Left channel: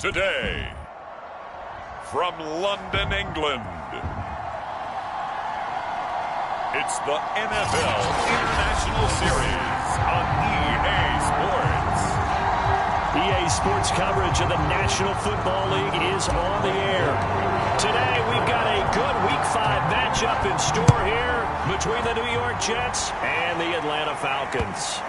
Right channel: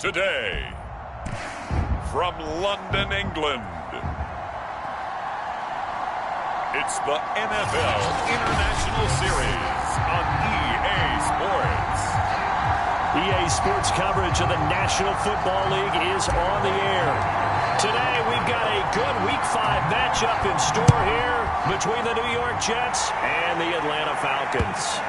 Today, from London, England, it's the NFL International Series on EA Sports. EA Sports coverage of the National Football League is on the air. Today, we've got a good Week 5 matchup in store here between the New York Jets and the Atlanta Falcons.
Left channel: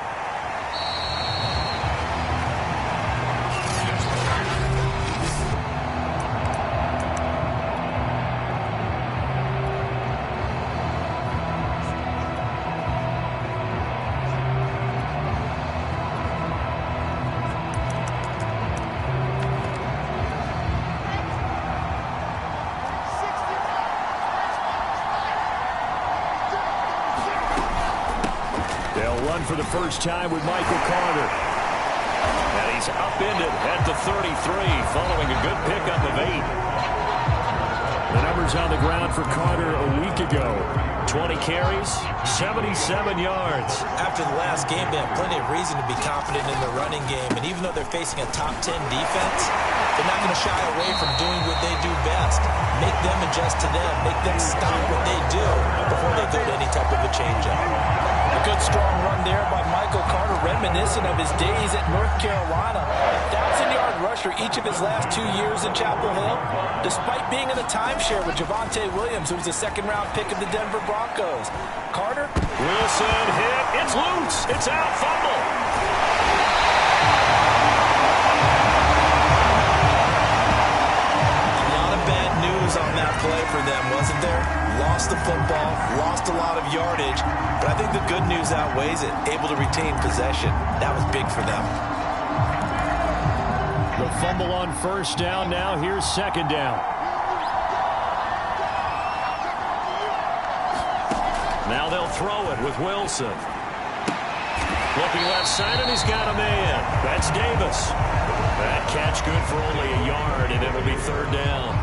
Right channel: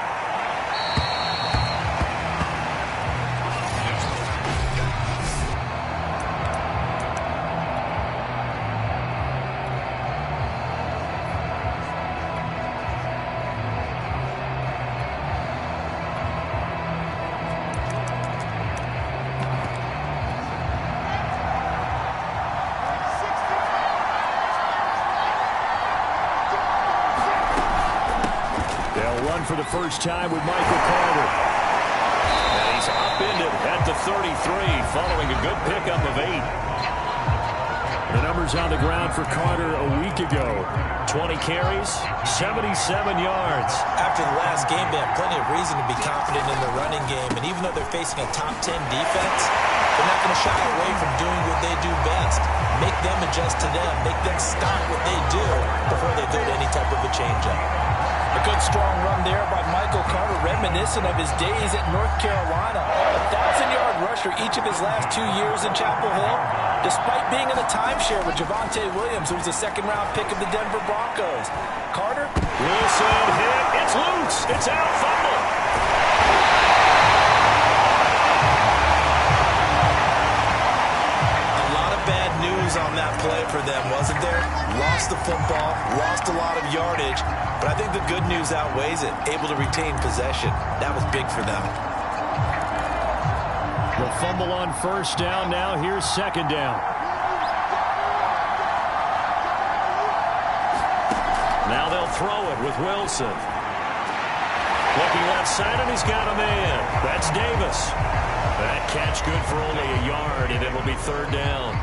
Run for the first time with Michael Carter. And he's upended at the 33 following a good pickup of 8. The numbers on the ground for Carter a week ago. 20 carries, 77 yards. After the last game, they have plenty of reason to be confident in their running game. And even though they're facing a top 10 defense, they're not going to shy away from doing what they do best. Make them adjust to them. Make them stop what they do before they go to any type of a change-up. A good strong run there by Michael Carter, reminiscent of his days at North Carolina. 1,000-yard rusher each of his last 2 years in Chapel Hill, despite being in a timeshare with Javonte Williams, who was a second-round pick of the Denver Broncos. Carter. Wilson hit. It's loose. It's out. Fumble. Bad news on that play for them, wasn't there? Lost the football, lost a lot of yardage, but I think the good news outweighs it. Able to retain possession. That was big for them. The fumble on first down. Now here's second down. Now they'll throw it with Wilson. Looking left side, and he's got a man. That's Davis. That catch good for only a yard, and it'll be third down.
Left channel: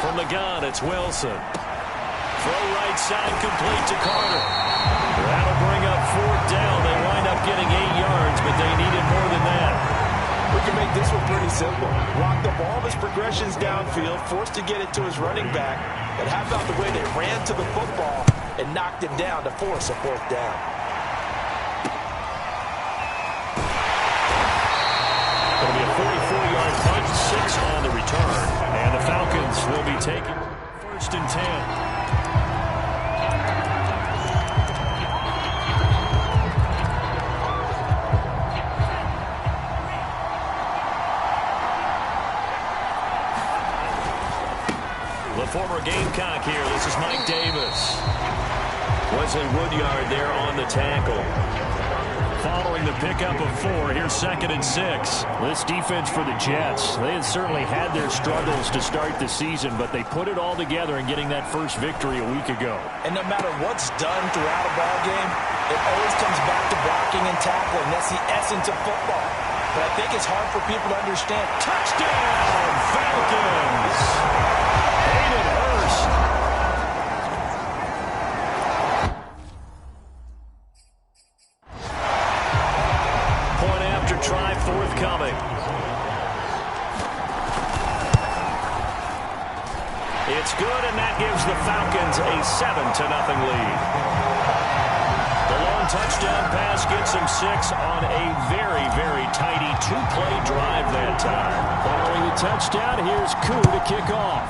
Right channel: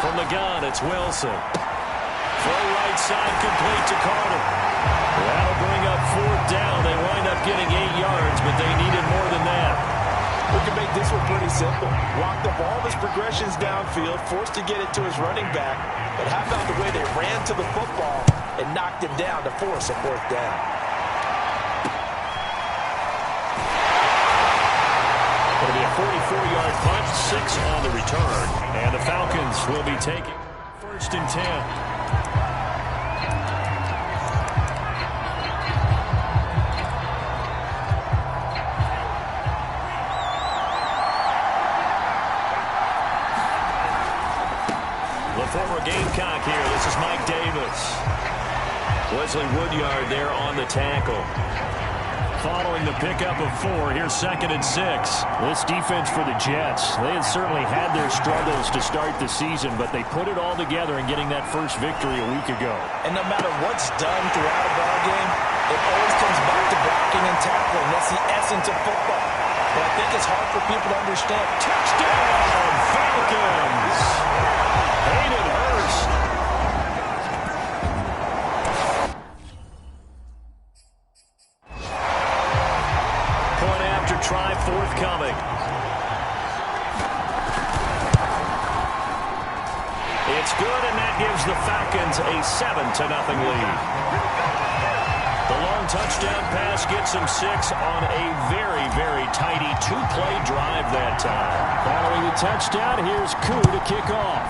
From the gun, it's Wilson. Throw right side, complete to Carter. That'll bring up fourth down. They wind up getting 8 yards, but they needed more than that. We can make this one pretty simple. Locked up all of his progressions downfield, forced to get it to his running back. But how about the way they ran to the football and knocked him down to force a fourth down? It'll be a 44-yard punt, 6 on the return. And the Falcons will be taking first and 10. The former Gamecock here. This is Mike Davis. Wesley Woodyard there on the tackle. Following the pickup of 4, here's second and 6. This defense for the Jets, they had certainly had their struggles to start the season, but they put it all together in getting that first victory a week ago. And no matter what's done throughout a ball game, it always comes back to blocking and tackling. That's the essence of football. But I think it's hard for people to understand. Touchdown, Falcons! Hayden Hurst. Point after try forthcoming. It's good, and that gives the Falcons a 7-0 lead. The long touchdown pass gets them 6 on a very, very tidy 2-play drive that time. Following the touchdown, here's Koo to kick off.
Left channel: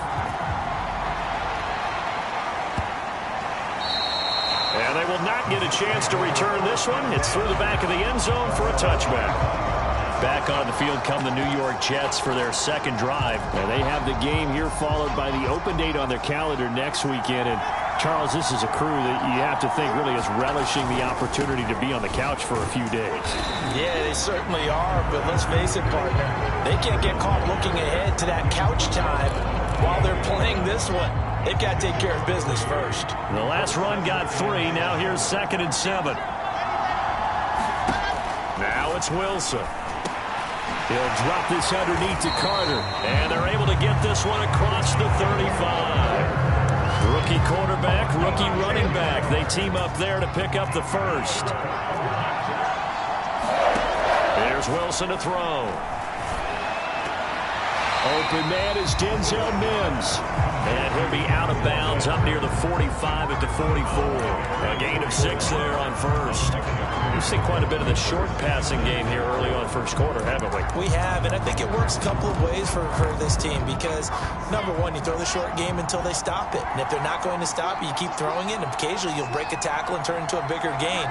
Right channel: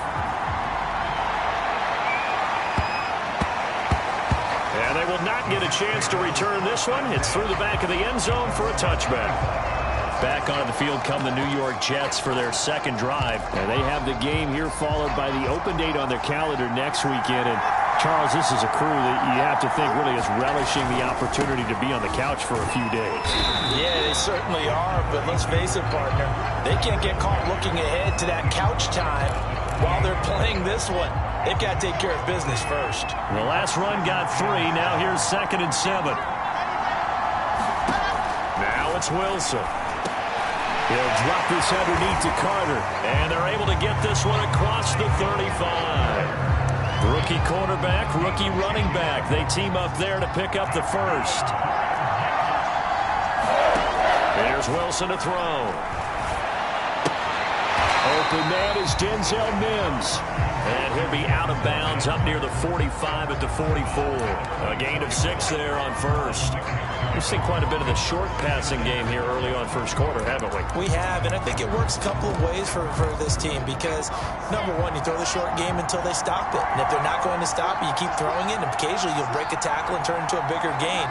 And they will not get a chance to return this one. It's through the back of the end zone for a touchback. Back on the field come the New York Jets for their second drive. And they have the game here followed by the open date on their calendar next weekend. And Charles, this is a crew that you have to think really is relishing the opportunity to be on the couch for a few days. Yeah, they certainly are. But let's face it, partner, they can't get caught looking ahead to that couch time while they're playing this one. They've got to take care of business first. The last run got 3. Now here's second and 7. Now it's Wilson. He'll drop this underneath to Carter. And they're able to get this one across the 35. Rookie quarterback, rookie running back. They team up there to pick up the first. Here's Wilson to throw. Open man is Denzel Mims. And he'll be out of bounds up near the 45 at the 44. A gain of 6 there on first. We've seen quite a bit of the short passing game here early on first quarter, haven't we? We have, and I think it works a couple of ways for this team because, number one, you throw the short game until they stop it. And if they're not going to stop it, you keep throwing it, and occasionally you'll break a tackle and turn it into a bigger gain.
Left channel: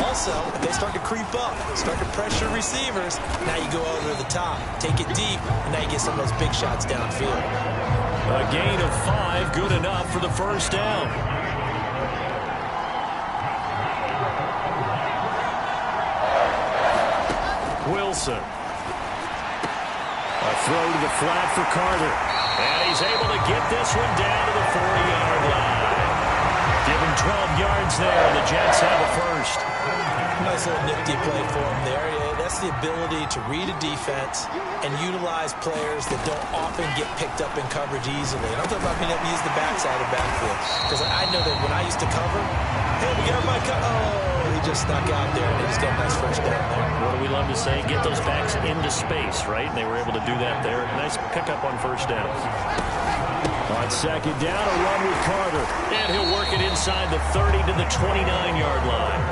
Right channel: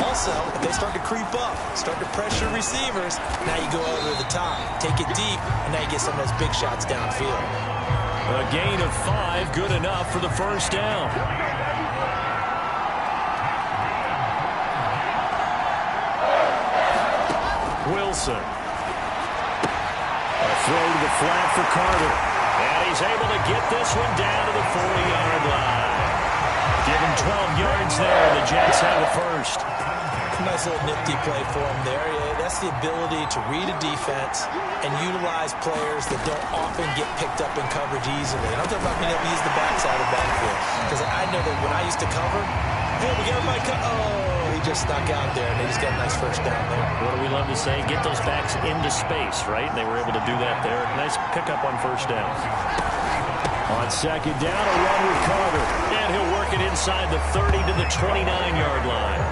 Also, if they start to creep up, start to pressure receivers, now you go over the top, take it deep, and now you get some of those big shots downfield. A gain of 5, good enough for the first down. Wilson. A throw to the flat for Carter. And he's able to get this one down to the 40-yard line. Give him 12 yards there, and the Jets have a first. Nice little nifty play for him there. Yeah, that's the ability to read a defense and utilize players that don't often get picked up in coverage easily. And I'm talking about being able to use the backside of the backfield. Because I know that when I used to cover, hey, we got my cut. Oh, he just snuck out there, and they just got a nice first down there. What do we love to say? Get those backs into space, right? And they were able to do that there. Nice pickup on first down. On second down, a run with Carter. And he'll work it inside the 30 to the 29-yard line.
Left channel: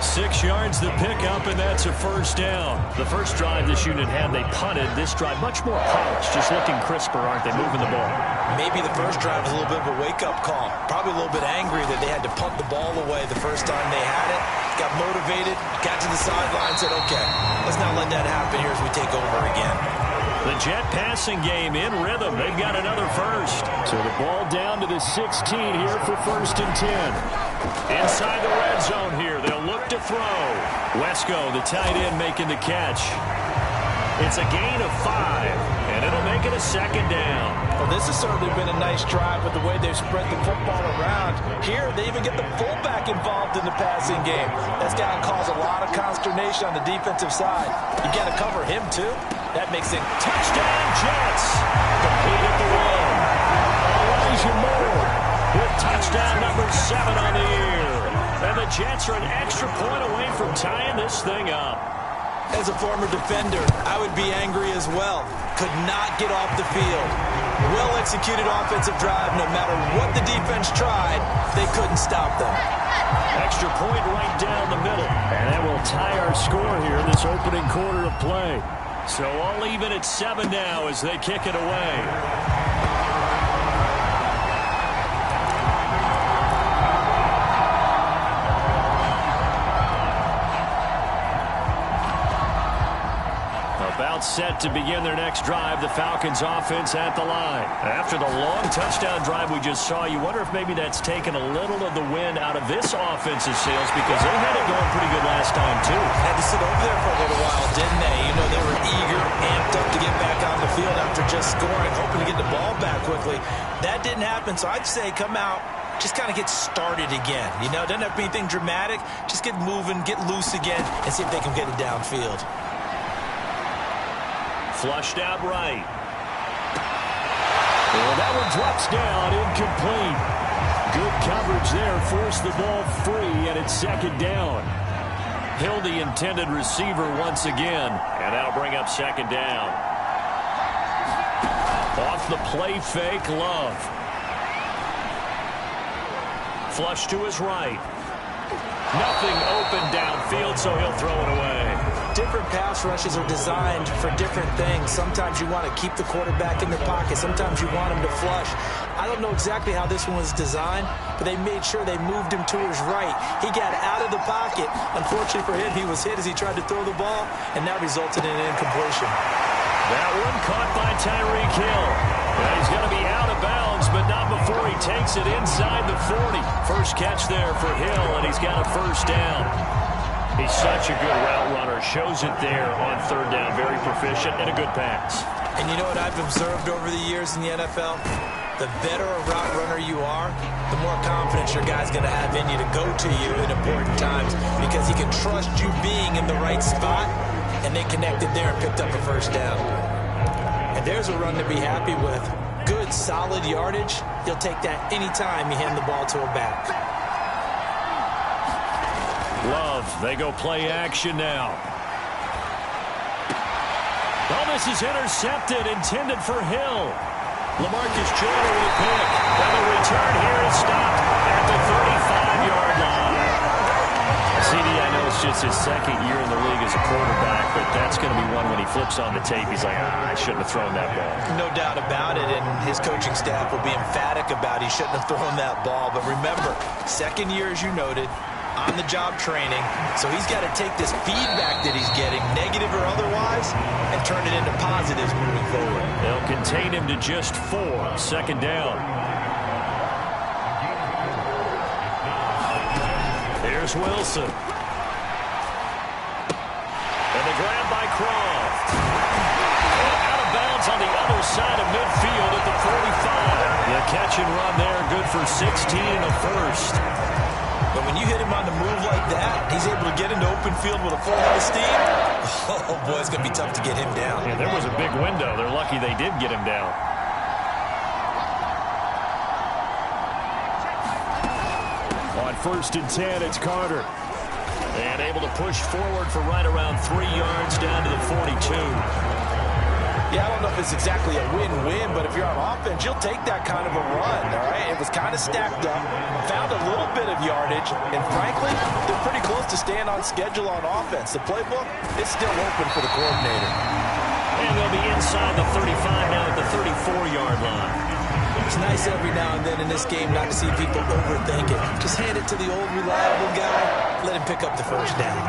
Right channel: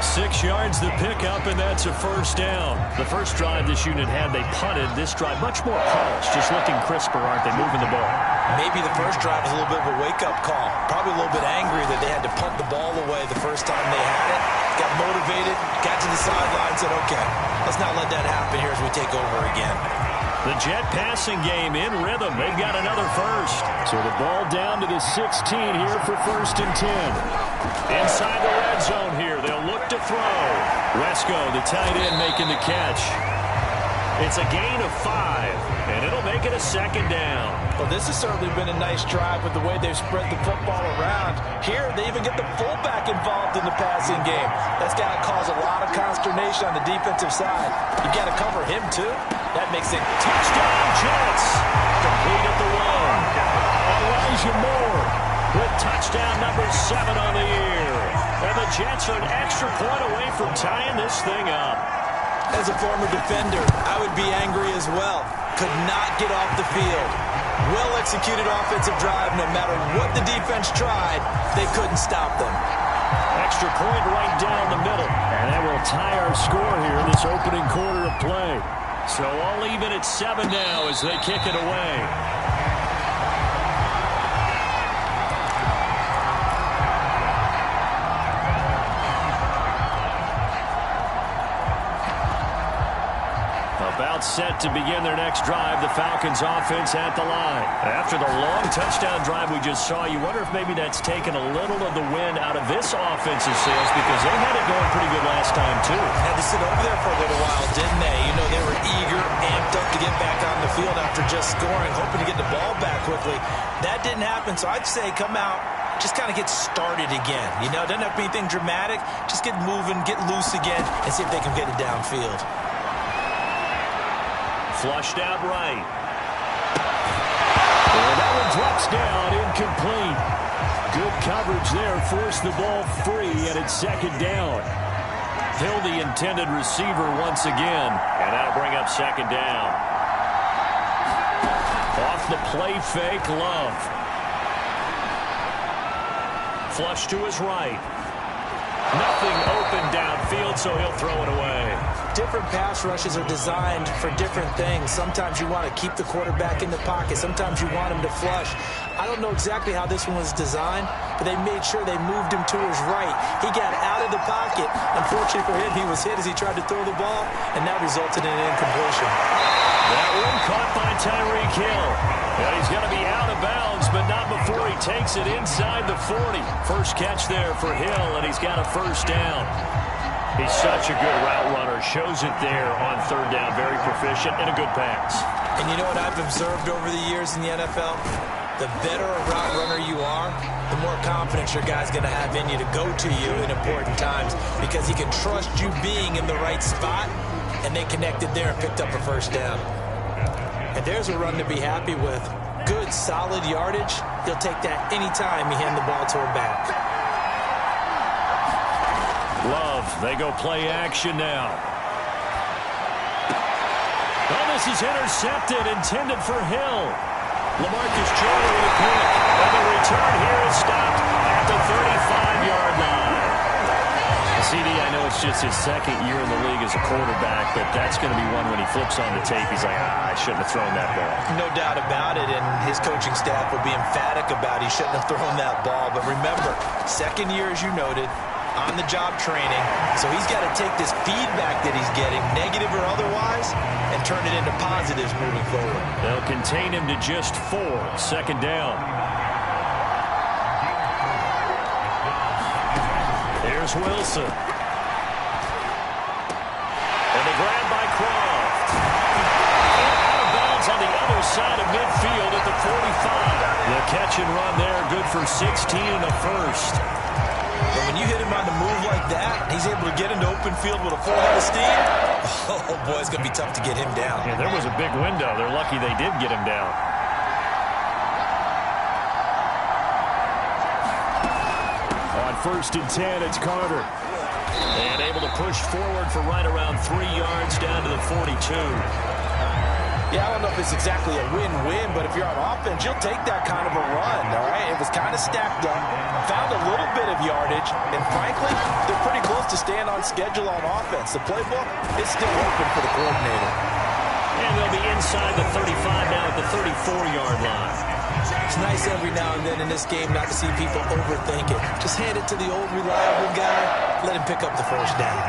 6 yards the pickup, and that's a first down. The first drive this unit had, they punted. This drive, much more polished, just looking crisper, aren't they, moving the ball? Maybe the first drive was a little bit of a wake-up call. Probably a little bit angry that they had to punt the ball away the first time they had it. Got motivated, got to the sideline, said, okay, let's not let that happen here as we take over again. The Jet passing game in rhythm. They've got another first. So the ball down to the 16 here for 1st and 10. Inside the red zone here. They'll look to throw. Wesco, the tight end, making the catch. It's a gain of 5, and it'll make it a second down. Well, this has certainly been a nice drive with the way they've spread the football around. Here, they even get the fullback involved in the passing game. That's got to cause a lot of consternation on the defensive side. You got to cover him, too. That makes it touchdown Jets. Complete at the 1. Elijah Moore with touchdown number 7 on the year. And the Jets are an extra point away from tying this thing up. As a former defender, I would be angry as well. Could not get off the field. Well-executed offensive drive. No matter what the defense tried, they couldn't stop them. Extra point right down the middle. And that will tie our score here in this opening quarter of play. So all even at 7 now as they kick it away. About set to begin their next drive, the Falcons offense at the line. After the long touchdown drive we just saw, you wonder if maybe that's taken a little of the wind out of this offensive sails because they had it going pretty good last time too. Had to sit over there for a little while, didn't they? You know, they were eager, amped up to get back on the field after just scoring, hoping to get the ball back quickly. That didn't happen, so I'd say come out, just kind of get started again. You know, doesn't have to be anything dramatic. Just get moving, get loose again, and see if they can get it downfield. Flushed out right. And that one drops down, incomplete. Good coverage there, forced the ball free, and it's second down. Hill, the intended receiver once again, and that'll bring up second down. Off the play fake, Love. Flush to his right. Nothing open downfield, so he'll throw it away. Different pass rushes are designed for different things. Sometimes you want to keep the quarterback in the pocket. Sometimes you want him to flush. I don't know exactly how this one was designed, but they made sure they moved him to his right. He got out of the pocket. Unfortunately for him, he was hit as he tried to throw the ball, and that resulted in an incompletion. That one caught by Tyreek Hill. And he's going to be out of bounds, but not before he takes it inside the 40. First catch there for Hill, and he's got a first down. He's such a good route runner. Shows it there on third down. Very proficient and a good pass. And you know what I've observed over the years in the NFL? The better a route runner you are, the more confidence your guy's going to have in you to go to you in important times because he can trust you being in the right spot, and they connected there and picked up a first down. And there's a run to be happy with. Good, solid yardage. He'll take that anytime you hand the ball to a back. Love, they go play action now. Oh, this is intercepted, intended for Hill. LaMarcus Joyner with a pick. And the return here is stopped at the 35-yard line. CD, I know it's just his second year in the league as a quarterback, but that's going to be one when he flips on the tape. He's like, I shouldn't have thrown that ball. No doubt about it, and his coaching staff will be emphatic about he shouldn't have thrown that ball. But remember, second year, as you noted, on-the-job training, so he's got to take this feedback that he's getting, negative or otherwise, and turn it into positives moving forward. They'll contain him to just 4. Second down. Here's Wilson. And the grab by Croft. And out of bounds on the other side of midfield at the 45. The catch and run there, good for 16 and a first. But when you hit him on the move like that, he's able to get into open field with a full head of steam. Oh, boy, it's going to be tough to get him down. Yeah, there was a big window. They're lucky they did get him down. On 1st and 10, it's Carter. And able to push forward for right around 3 yards down to the 42. Yeah, I don't know if it's exactly a win-win, but if you're on offense, you'll take that kind of a run, all right? It was kind of stacked up, found a little bit of yardage, and frankly, they're pretty close to staying on schedule on offense. The playbook is still open for the coordinator. And they'll be inside the 35 now at the 34-yard line. It's nice every now and then in this game not to see people overthink it. Just hand it to the old reliable guy, let him pick up the first down.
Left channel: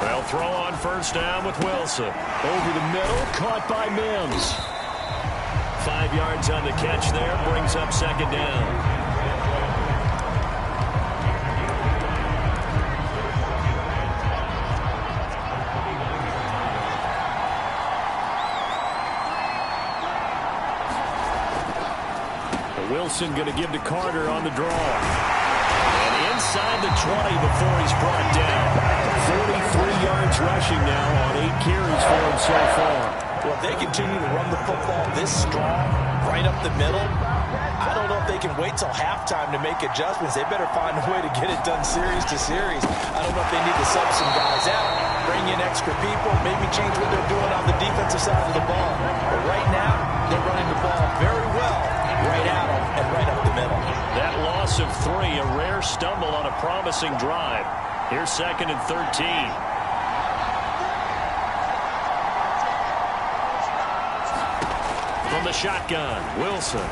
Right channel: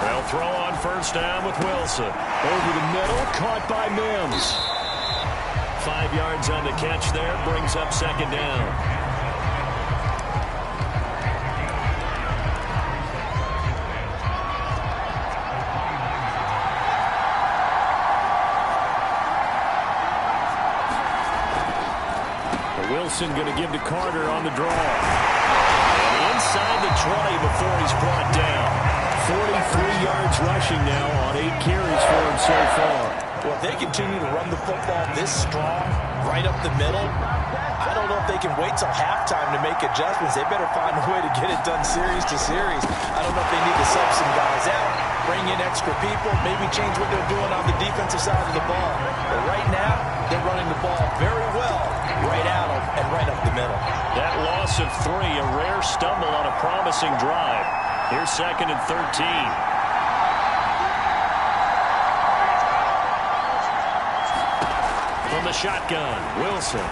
They'll throw on 1st down with Wilson. Over the middle, caught by Mims. 5 yards on the catch there, brings up 2nd down. Wilson going to give to Carter on the draw. And inside the 20 before he's brought down. 43 yards rushing now on 8 carries for him so far. Well, if they continue to run the football this strong, right up the middle, I don't know if they can wait till halftime to make adjustments. They better find a way to get it done series to series. I don't know if they need to sub some guys out, bring in extra people, maybe change what they're doing on the defensive side of the ball. But right now, they're running the ball very well right at them and right up the middle. That loss of 3, a rare stumble on a promising drive. Here's 2nd and 13. From the shotgun, Wilson.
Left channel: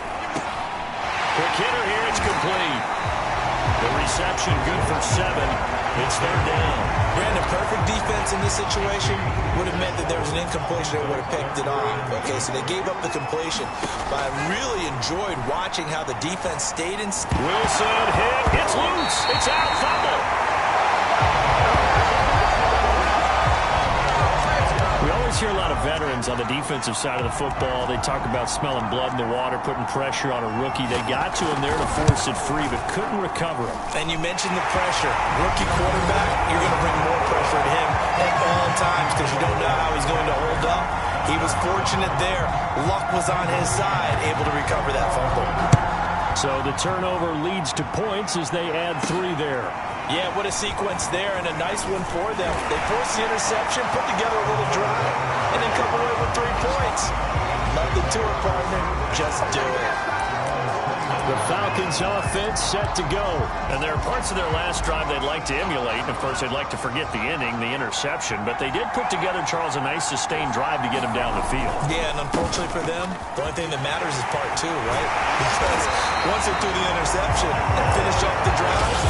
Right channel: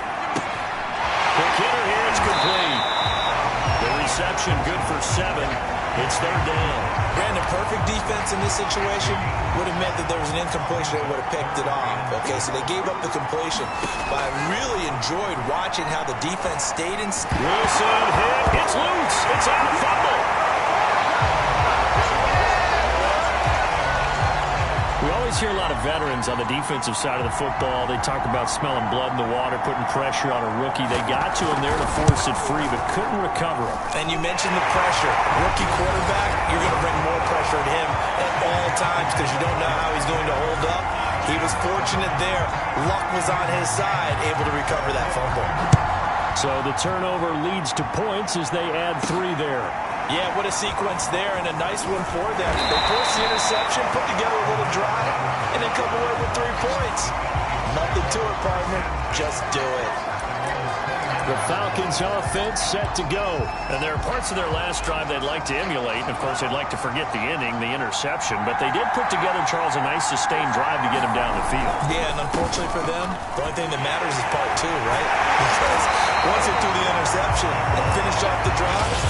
Quick hitter here, it's complete. The reception good for 7. It's 3rd down. Brandon, perfect defense in this situation would have meant that there was an incompletion. They would have picked it off. Okay, so they gave up the completion. But I really enjoyed watching how the defense stayed in. Wilson hit. It's loose. It's out. Fumble. We always hear a lot of veterans on the defensive side of the football. They talk about smelling blood in the water, putting pressure on a rookie. They got to him there to force it free, but couldn't recover him. And you mentioned the pressure. Rookie quarterback, you're going to bring more pressure at him at all times because you don't know how he's going to hold up. He was fortunate there. Luck was on his side, able to recover that fumble. So the turnover leads to points as they add 3 there. Yeah, what a sequence there, and a nice one for them. They forced the interception, put together a little drive, and then come away with 3 points. Nothing to it, partner. Just do it. The Falcons offense set to go. And there are parts of their last drive they'd like to emulate. Of course, they'd like to forget the ending, the interception. But they did put together, Charles, a nice sustained drive to get him down the field. Yeah, and unfortunately for them, the only thing that matters is part 2, right? Because once they threw the interception and finished off the drive,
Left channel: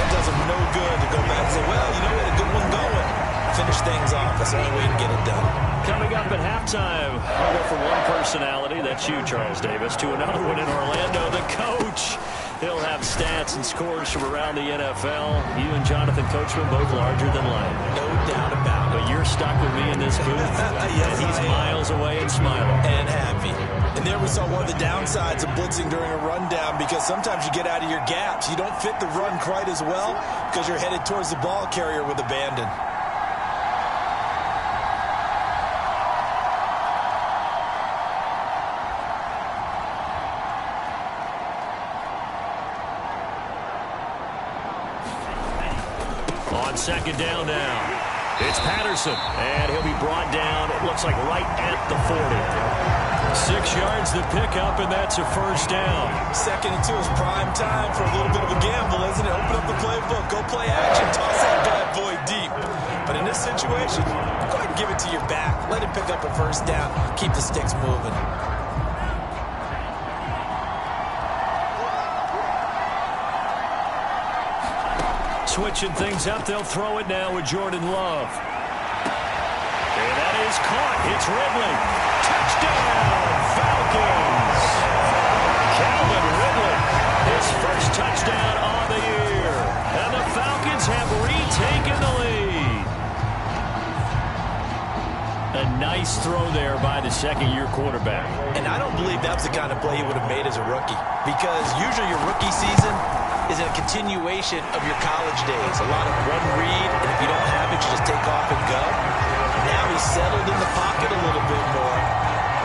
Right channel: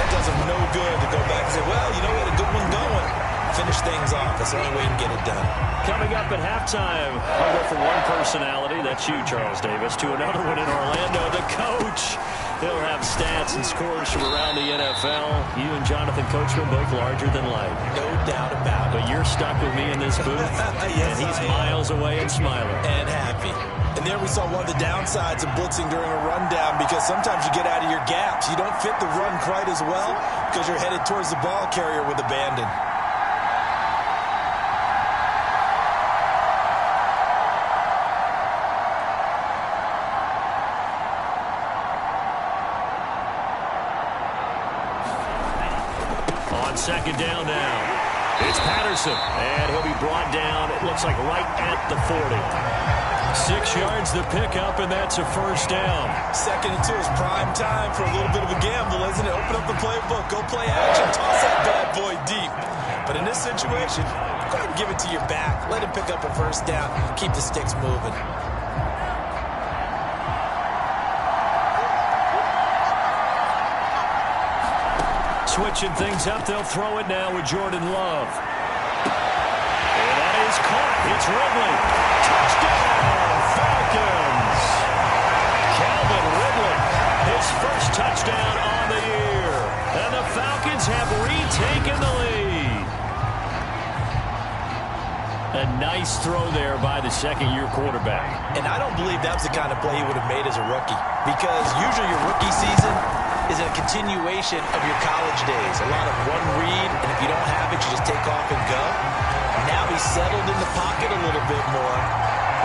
that does them no good to go back and say, well, you know, we had a good one going. Finish things off. That's the only way you can get it done. Coming up at halftime, I'll go from one personality, that's you, Charles Davis, to another one in Orlando, the coach. He'll have stats and scores from around the NFL. You and Jonathan Coachman both larger than life. No doubt about it. But you're stuck with me in this booth, yes, and he's miles away and smiling. And happy. And there we saw one of the downsides of blitzing during a rundown because sometimes you get out of your gaps. You don't fit the run quite as well because you're headed towards the ball carrier with abandon. On second down now. It's Patterson, and he'll be brought down, it looks like right at the 40. 6 yards the pickup, and that's a first down. 2nd and 2 is prime time for a little bit of a gamble, isn't it? Open up the playbook, go play action, toss that bad boy deep. But in this situation, go ahead and give it to your back. Let him pick up a first down. Keep the sticks moving. Switching things up, they'll throw it now with Jordan Love. And that is caught. It's Ridley. Touchdown, Falcons. Calvin Ridley, his first touchdown on the year. And the Falcons have retaken the lead. A nice throw there by the second-year quarterback. And I don't believe that was the kind of play he would have made as a rookie. Because usually your rookie season is a continuation of your college days. A lot of one read, and if you don't have it, you just take off and go. Now he's settled in the pocket a little bit more,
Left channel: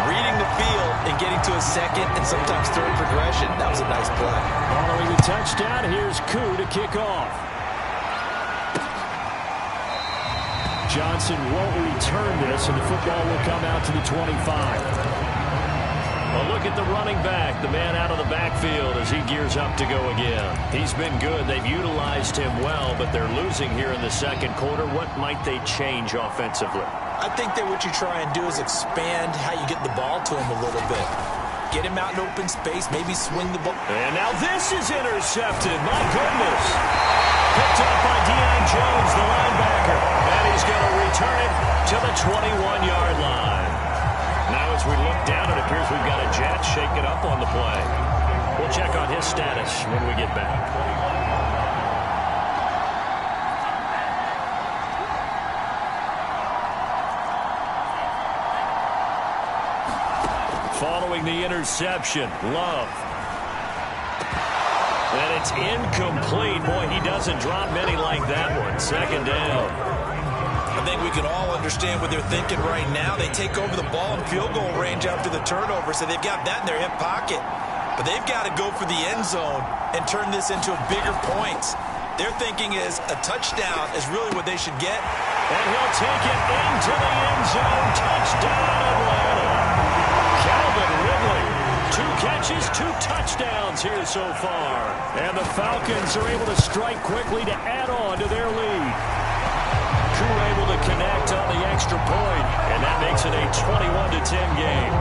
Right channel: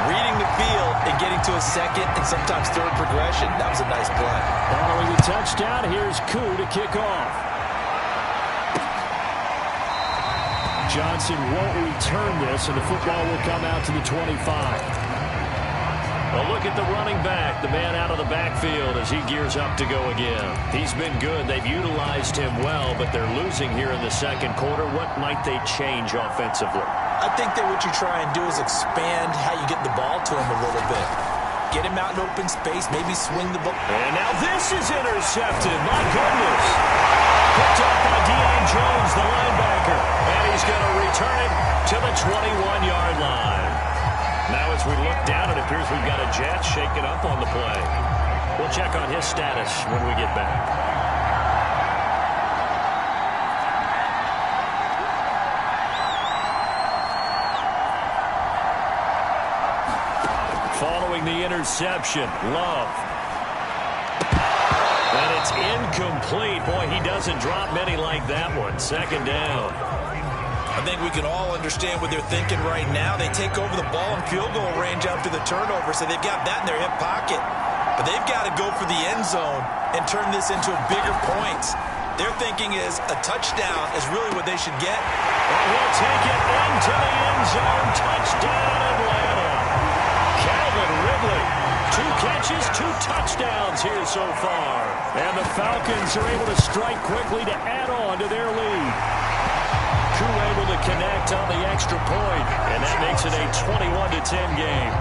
reading the field and getting to a second and sometimes third progression. That was a nice play. Following the touchdown, here's Koo to kick off. Johnson won't return this, and the football will come out to the 25. A look at the running back, the man out of the backfield as he gears up to go again. He's been good. They've utilized him well, but they're losing here in the second quarter. What might they change offensively? I think that what you try and do is expand how you get the ball to him a little bit. Get him out in open space, maybe swing the ball. And now this is intercepted. My goodness. Picked up by Deion Jones, the linebacker. And he's going to return it to the 21-yard line. Now as we look down, it appears we've got a Jet shaking up on the play. We'll check on his status when we get back. Following the interception, Love. And it's incomplete. Boy, he doesn't drop many like that one. Second down. I think we can all understand what they're thinking right now. They take over the ball in field goal range after the turnover, so they've got that in their hip pocket. But they've got to go for the end zone and turn this into bigger points. Their thinking is a touchdown is really what they should get. And he'll take it into the end zone. Touchdown, Atlanta. Calvin Ridley. 2 catches, 2 touchdowns here so far. And the Falcons are able to strike quickly to add on to their lead. Koo able to connect on the extra point, and that makes it a 21-10 game.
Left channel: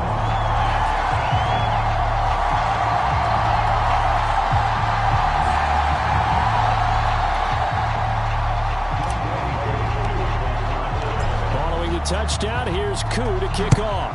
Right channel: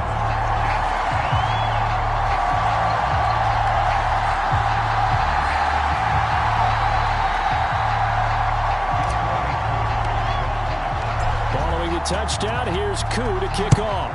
Following the touchdown, here's Koo to kick off.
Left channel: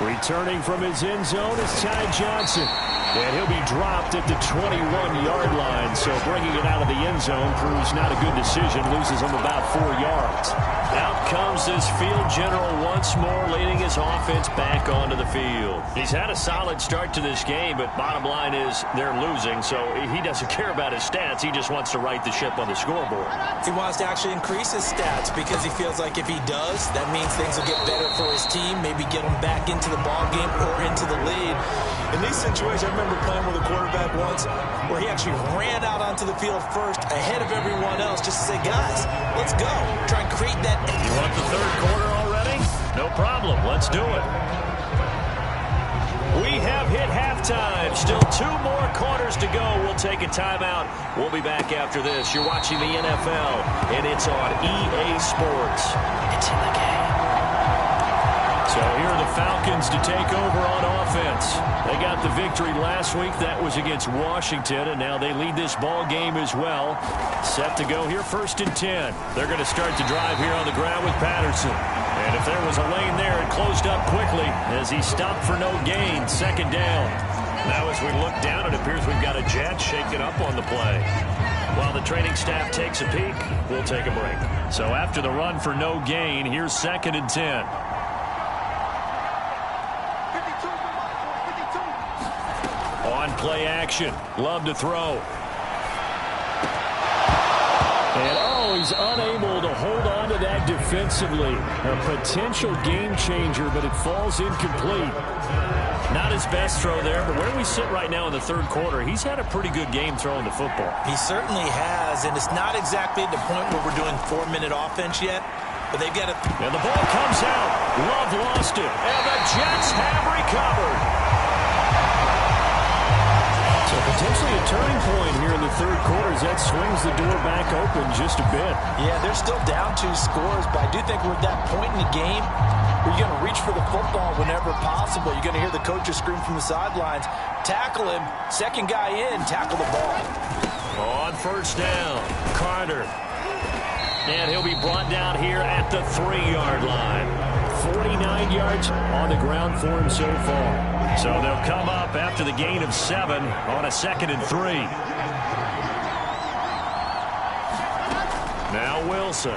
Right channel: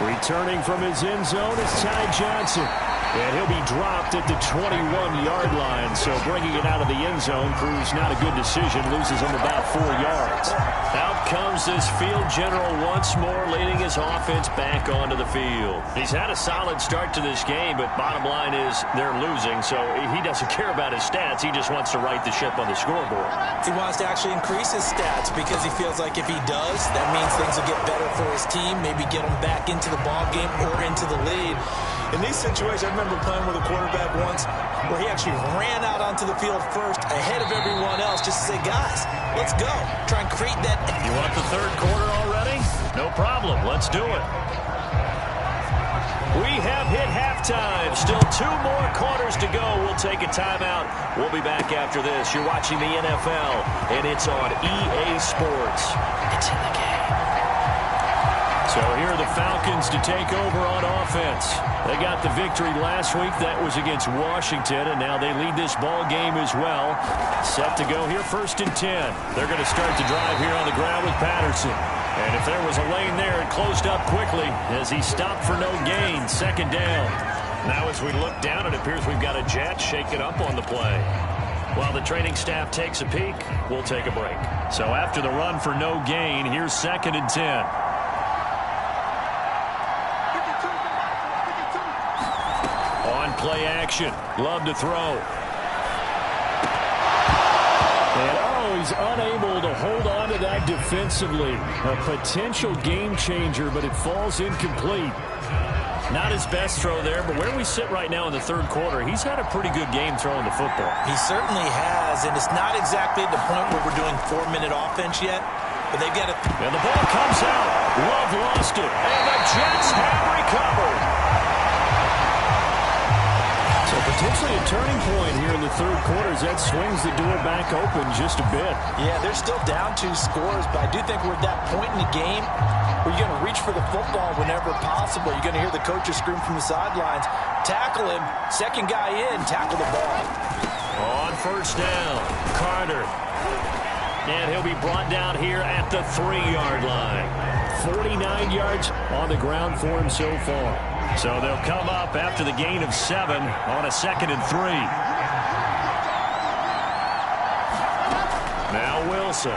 Returning from his end zone is Ty Johnson. And he'll be dropped at the 21-yard line. So bringing it out of the end zone proves not a good decision. Loses him about 4 yards. Out comes this field general once more, leading his offense back onto the field. He's had a solid start to this game, but bottom line is they're losing. So he doesn't care about his stats. He just wants to right the ship on the scoreboard. He wants to actually increase his stats because he feels like if he does, that means things will get better for his team, maybe get them back into the ball game or into the lead. In these situations, I remember playing with a quarterback once where he actually ran out onto the field first ahead of everyone else just to say, guys, let's go. Try and create that. You want the third quarter already? No problem. Let's do it. We have hit halftime. Still 2 more quarters to go. We'll take a timeout. We'll be back after this. You're watching the NFL, and it's on EA Sports. It's in the game. So here are the Falcons to take over on offense. They got the victory last week. That was against Washington, and now they lead this ball game as well. Set to go here, 1st and 10. They're going to start the drive here on the ground with Patterson. And if there was a lane there, it closed up quickly as he stopped for no gain. 2nd down. Now as we look down, it appears we've got a Jet shaking up on the play. While the training staff takes a peek, we'll take a break. So after the run for no gain, here's 2nd and 10. On play action. Love to throw. And oh, Oh, he's unable to hold on to that defensively. A potential game changer, but it falls incomplete. Not his best throw there, but where we sit right now in the third quarter, he's had a pretty good game throwing the football. He certainly has, and it's not exactly at the point where we're doing 4-minute offense yet, but they've got to... And the ball comes out. Love lost it, and the Jets have recovered. So potentially a turning point here in the third quarter as that swings the door back open just a bit. Yeah, they're still down 2 scores, but I do think we're at that point in the game where you're going to reach for the football whenever possible. You're going to hear the coaches scream from the sidelines. Tackle him. Second guy in. Tackle the ball. On first down, Carter. And he'll be brought down here at the 3-yard line. 49 yards on the ground for him so far. So they'll come up after the gain of 7 on a 2nd and 3. Now Wilson.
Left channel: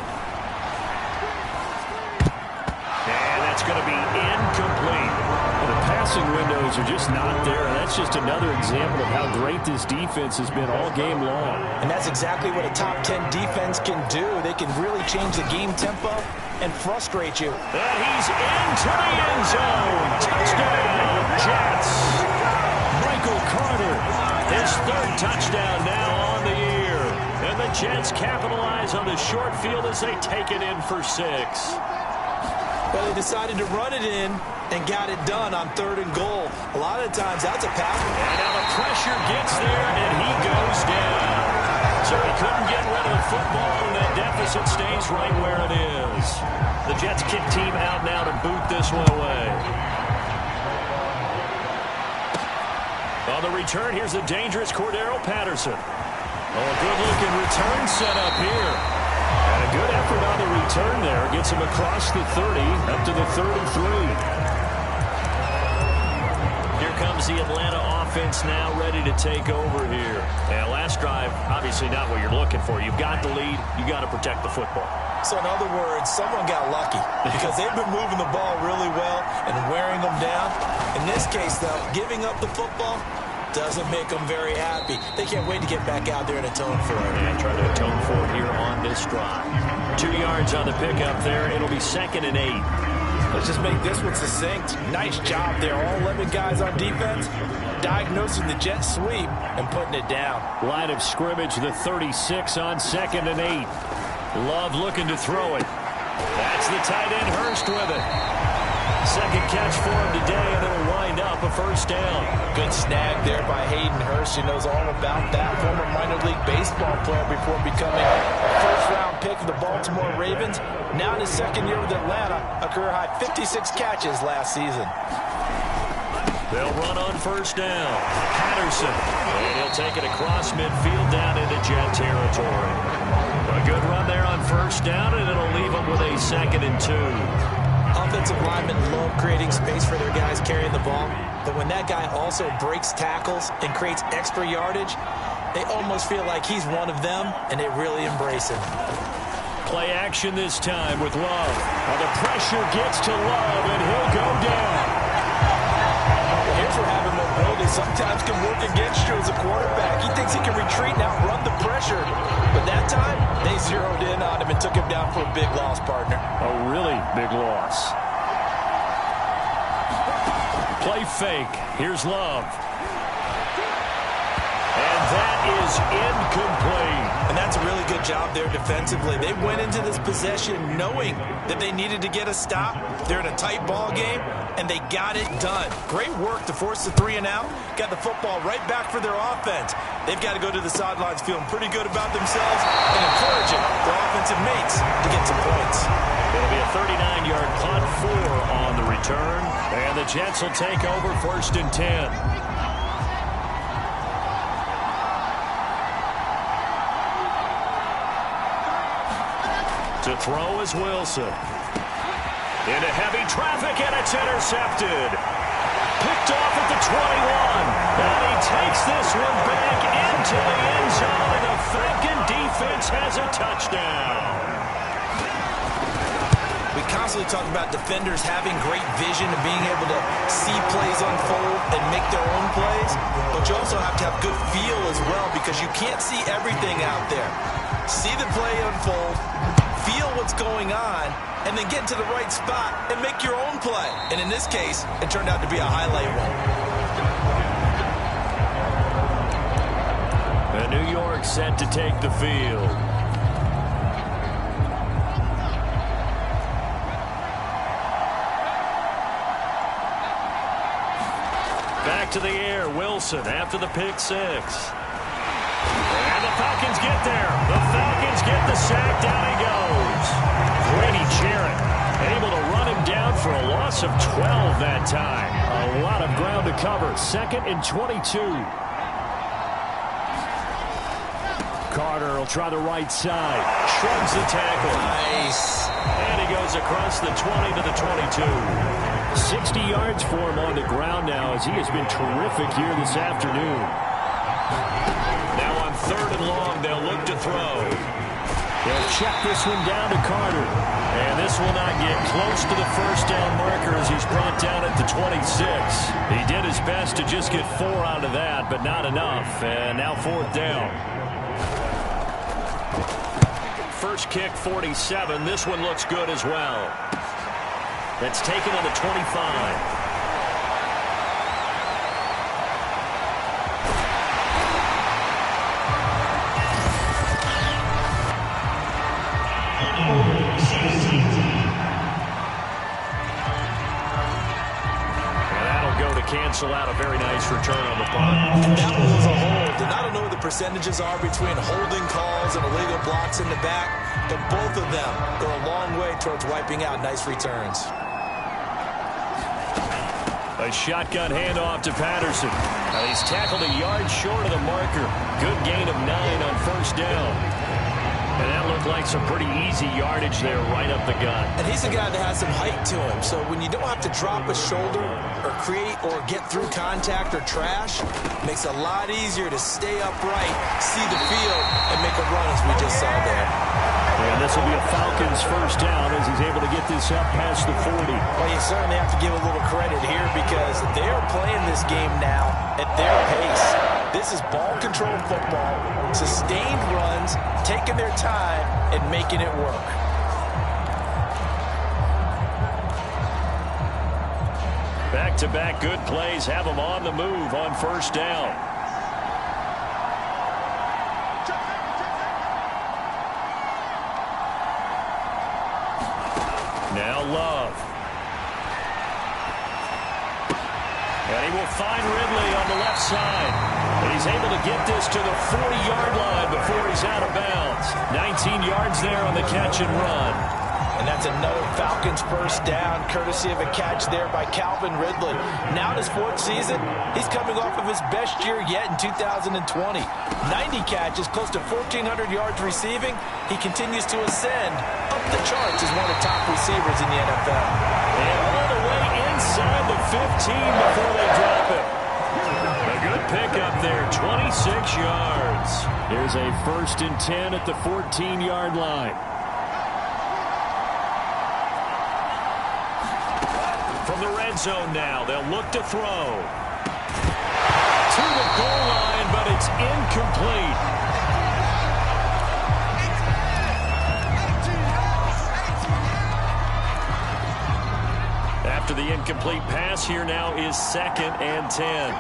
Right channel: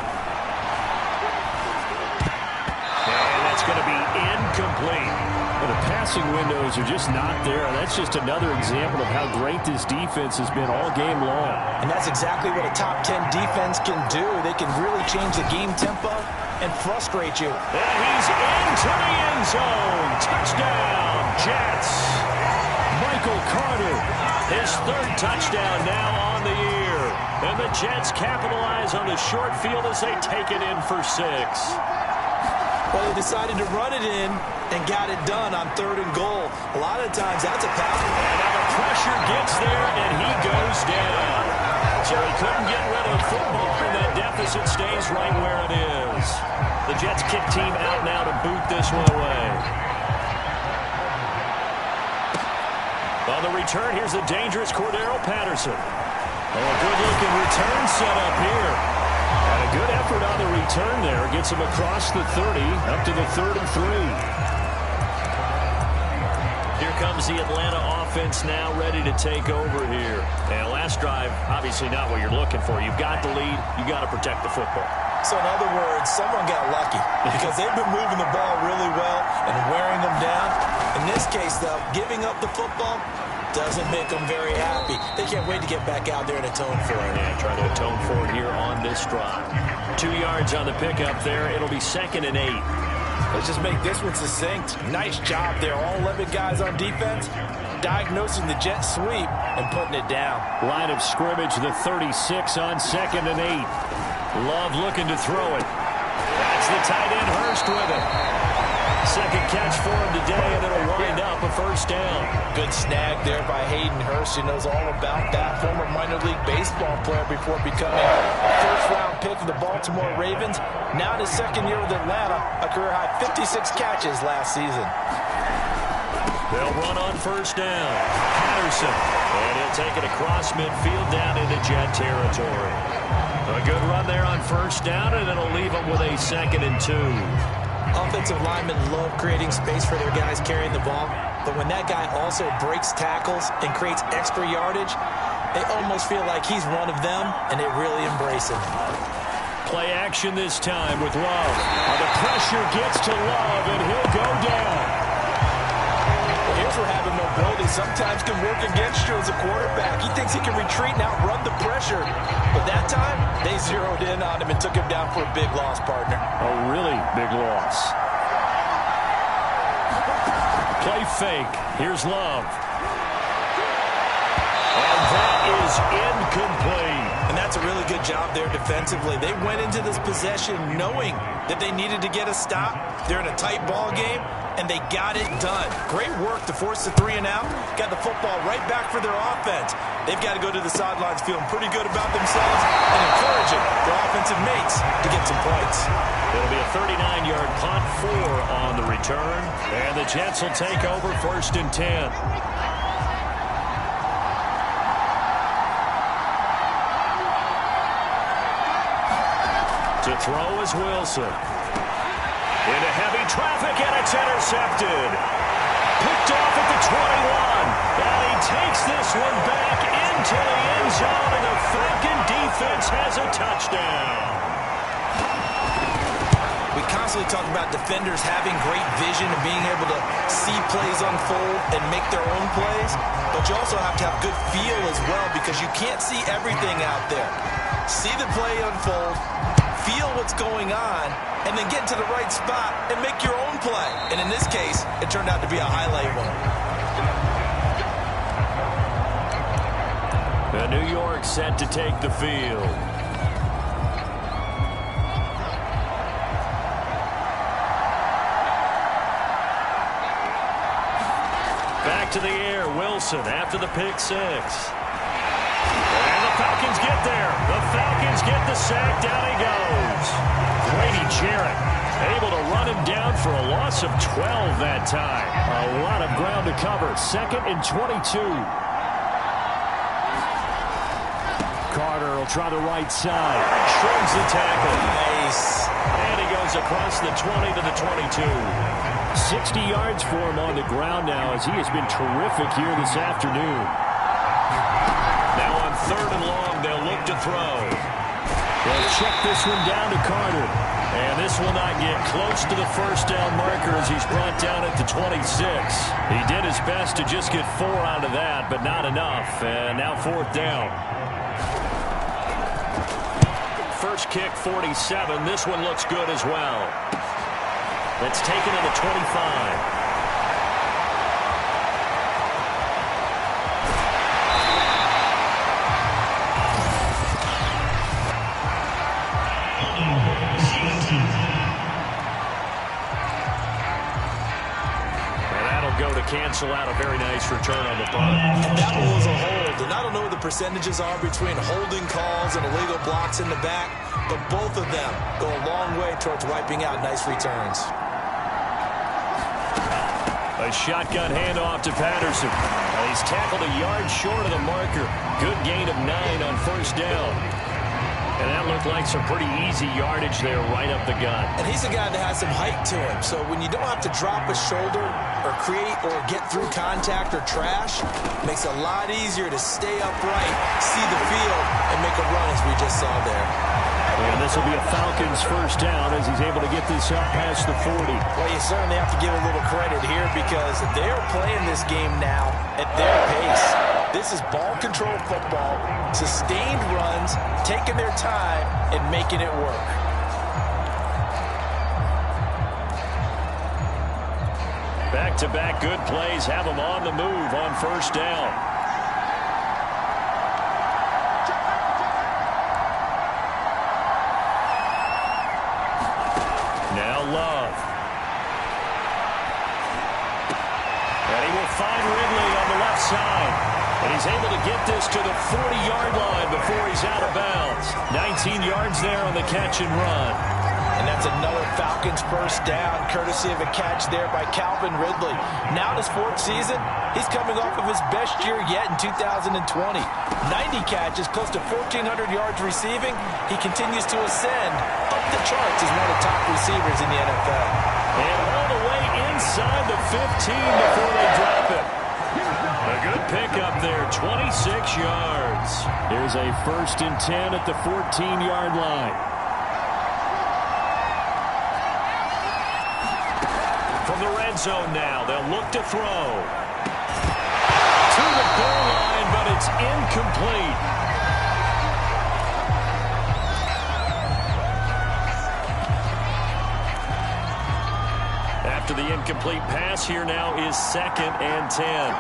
And that's going to be incomplete. Well, the passing windows are just not there. That's just another example of how great this defense has been all game long. And that's exactly what a top 10 defense can do. They can really change the game tempo and frustrate you. And he's into the end zone. Touchdown, Jets. Michael Carter, his 3rd touchdown now on the year. And the Jets capitalize on the short field as they take it in for 6. Well, they decided to run it in and got it done on 3rd and goal. A lot of times, that's a pass. And now the pressure gets there, and he goes down. So he couldn't get rid of the football, and that deficit stays right where it is. The Jets kick team out now to boot this one away. On the return, here's the dangerous Cordero Patterson. Oh, a good-looking return set up here. And a good effort on the return there. Gets him across the 30, up to the 3rd and 3. Here comes the Atlanta offense now ready to take over here. And last drive, obviously not what you're looking for. You've got the lead. You got to protect the football. So in other words, someone got lucky because they've been moving the ball really well and wearing them down. In this case, though, giving up the football doesn't make them very happy. They can't wait to get back out there and atone for it. And try to atone for it here on this drive. 2 yards on the pickup there. It'll be 2nd and 8. Let's just make this one succinct. Nice job there. All 11 guys on defense diagnosing the jet sweep and putting it down. Line of scrimmage, the 36 on 2nd and 8. Love looking to throw it. That's the tight end Hurst with it. 2nd catch for him today, and it'll wind up a 1st down. Good snag there by Hayden Hurst. He knows all about that. Former minor league baseball player before becoming a 1st-round pick of the Baltimore Ravens. Now in his 2nd year with Atlanta, a career-high 56 catches last season. They'll run on 1st down. Patterson, and he'll take it across midfield down into Jet territory. A good run there on 1st down, and it'll leave them with a 2nd and 2. Offensive linemen love creating space for their guys carrying the ball, but when that guy also breaks tackles and creates extra yardage, they almost feel like he's one of them, and they really embrace him. Play action this time with Love. The pressure gets to Love, and he'll go down. Well, here's where having mobility sometimes can work against you as a quarterback. He thinks he can retreat and outrun the pressure, but that time, they zeroed in on him and took him down for a big loss, partner. A really big loss. Play fake. Here's Love. And that is incomplete. And that's a really good job there defensively. They went into this possession knowing that they needed to get a stop. They're in a tight ball game, and they got it done. Great work to force the 3 and out. Got the football right back for their offense. They've got to go to the sidelines feeling pretty good about themselves and encouraging their offensive mates to get some points. It'll be a 39-yard punt, 4 on the return. And the Jets will take over 1st and 10. To throw is Wilson. Into heavy traffic, and it's intercepted. Picked off at the 21. And he takes this one back into the end zone, and the Falcon defense has a touchdown. We constantly talk about defenders having great vision and being able to see plays unfold and make their own plays, but you also have to have good feel as well because you can't see everything out there. See the play unfold, feel what's going on, and then get to the right spot and make your own play. And in this case, it turned out to be a highlight one. New York set to take the field. Back to the air, Wilson after the pick six. And the Falcons get there. The Falcons get the sack. Down he goes. Grady Jarrett able to run him down for a loss of 12 that time. A lot of ground to cover. 2nd and 22. Carter will try the right side. Shrugs the tackle. Nice. And he goes across the 20 to the 22. 60 yards for him on the ground now as he has been terrific here this afternoon. Now on 3rd and long, they'll look to throw. They'll check this one down to Carter. And this will not get close to the first down marker as he's brought down at the 26. He did his best to just get 4 out of that, but not enough. And now 4th down. First kick, 47. This one looks good as well. That's taken on the 25. Go to cancel out a very nice return on the punt. And that one was a hold. And I don't know what the percentages are between holding calls and illegal blocks in the back, but both of them go a long way towards wiping out nice returns. A shotgun handoff to Patterson. Now he's tackled a yard short of the marker. Good gain of 9 on 1st down. And that looked like some pretty easy yardage there right up the gut. And he's a guy that has some height to him. So when you don't have to drop a shoulder or create or get through contact or trash, it makes it a lot easier to stay upright, see the field, and make a run as we just saw there. And this will be a Falcons 1st down as he's able to get this up past the 40. Well, you certainly have to give a little credit here because they're playing this game now at their pace. This is ball control football, sustained runs, taking their time and making it work. Back-to-back good plays have them on the move on 1st down. Now Love. And he will find Ridley on the left side. And he's able to get this to the 40-yard line before he's out of bounds. 19 yards there on the catch and run. And that's another Falcons 1st down, courtesy of a catch there by Calvin Ridley. Now in his 4th season, he's coming off of his best year yet in 2020. 90 catches, close to 1,400 yards receiving. He continues to ascend up the charts as one of the top receivers in the NFL. And all the way inside the 15 before they drop him. A good pickup there, 26 yards. There's a 1st and 10 at the 14-yard line. From the red zone now, they'll look to throw. To the goal line, but it's incomplete. After the incomplete pass, here now is 2nd and 10.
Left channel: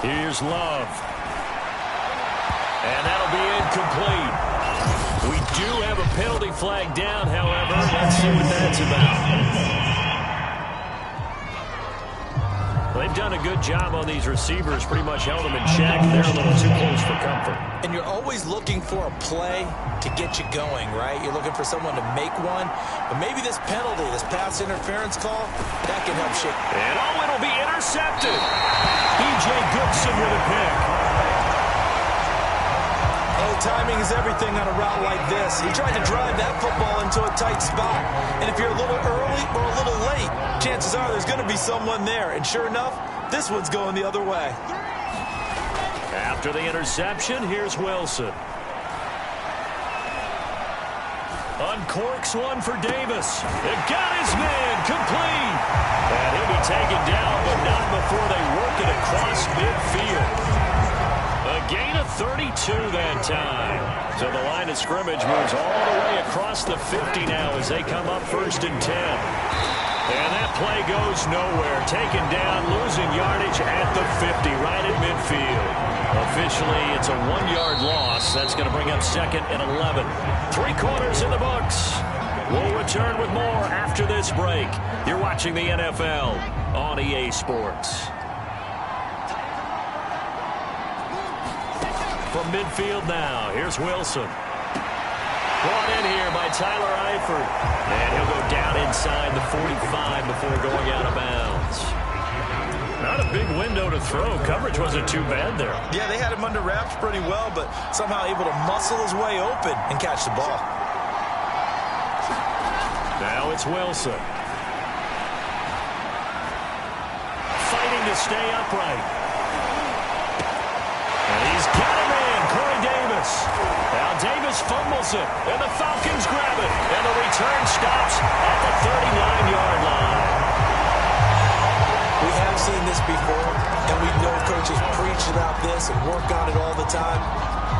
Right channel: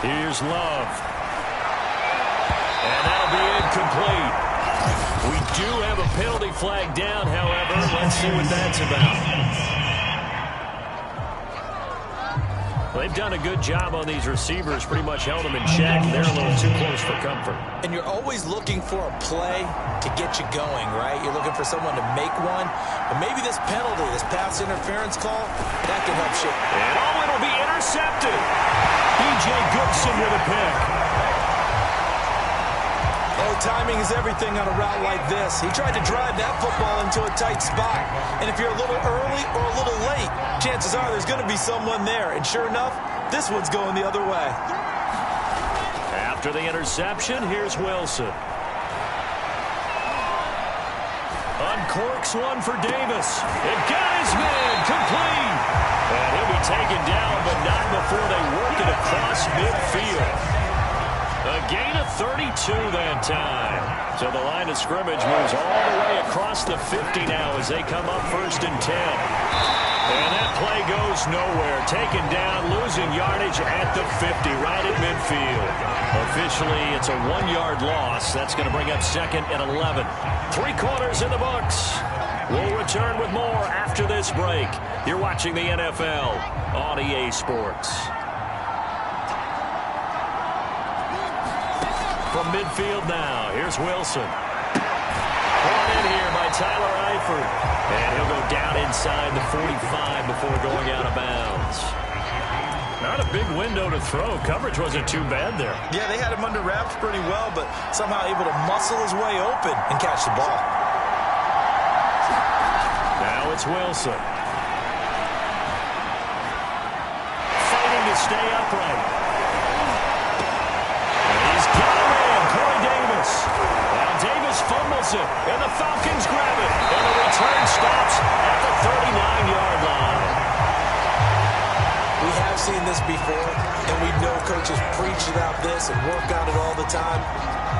Here's Love. And that'll be incomplete. We do have a penalty flag down, however. Let's see what that's about. Well, they've done a good job on these receivers, pretty much held them in check. They're a little too close for comfort. And you're always looking for a play to get you going, right? You're looking for someone to make one. But maybe this penalty, this pass interference call, that can help shake. And it'll be intercepted. B.J. Goodson with a pick. Oh, timing is everything on a route like this. He tried to drive that football into a tight spot. And if you're a little early or a little late, chances are there's going to be someone there. And sure enough, this one's going the other way. After the interception, here's Wilson. Uncorks one for Davis. It got his man complete. And he'll be taken down, but not before they work it across midfield. A gain of 32 that time. So the line of scrimmage moves all the way across the 50 now as they come up 1st and 10. And that play goes nowhere. Taken down, losing yardage at the 50, right at midfield. Officially, it's a 1-yard loss. That's going to bring up 2nd and 11. 3 quarters in the books. We'll return with more after this break. You're watching the NFL on EA Sports. From midfield now, here's Wilson. Brought in here by Tyler Eifert. And he'll go down inside the 45 before going out of bounds. Not a big window to throw. Coverage wasn't too bad there. Yeah, they had him under wraps pretty well, but somehow able to muscle his way open and catch the ball. Now it's Wilson. Fighting to stay upright. And he's got a man, Corey Davis. Now Davis fumbles it, and the Falcons grab it. And the return stops at the 39-yard line. We have seen this before, and we know coaches preach about this and work on it all the time.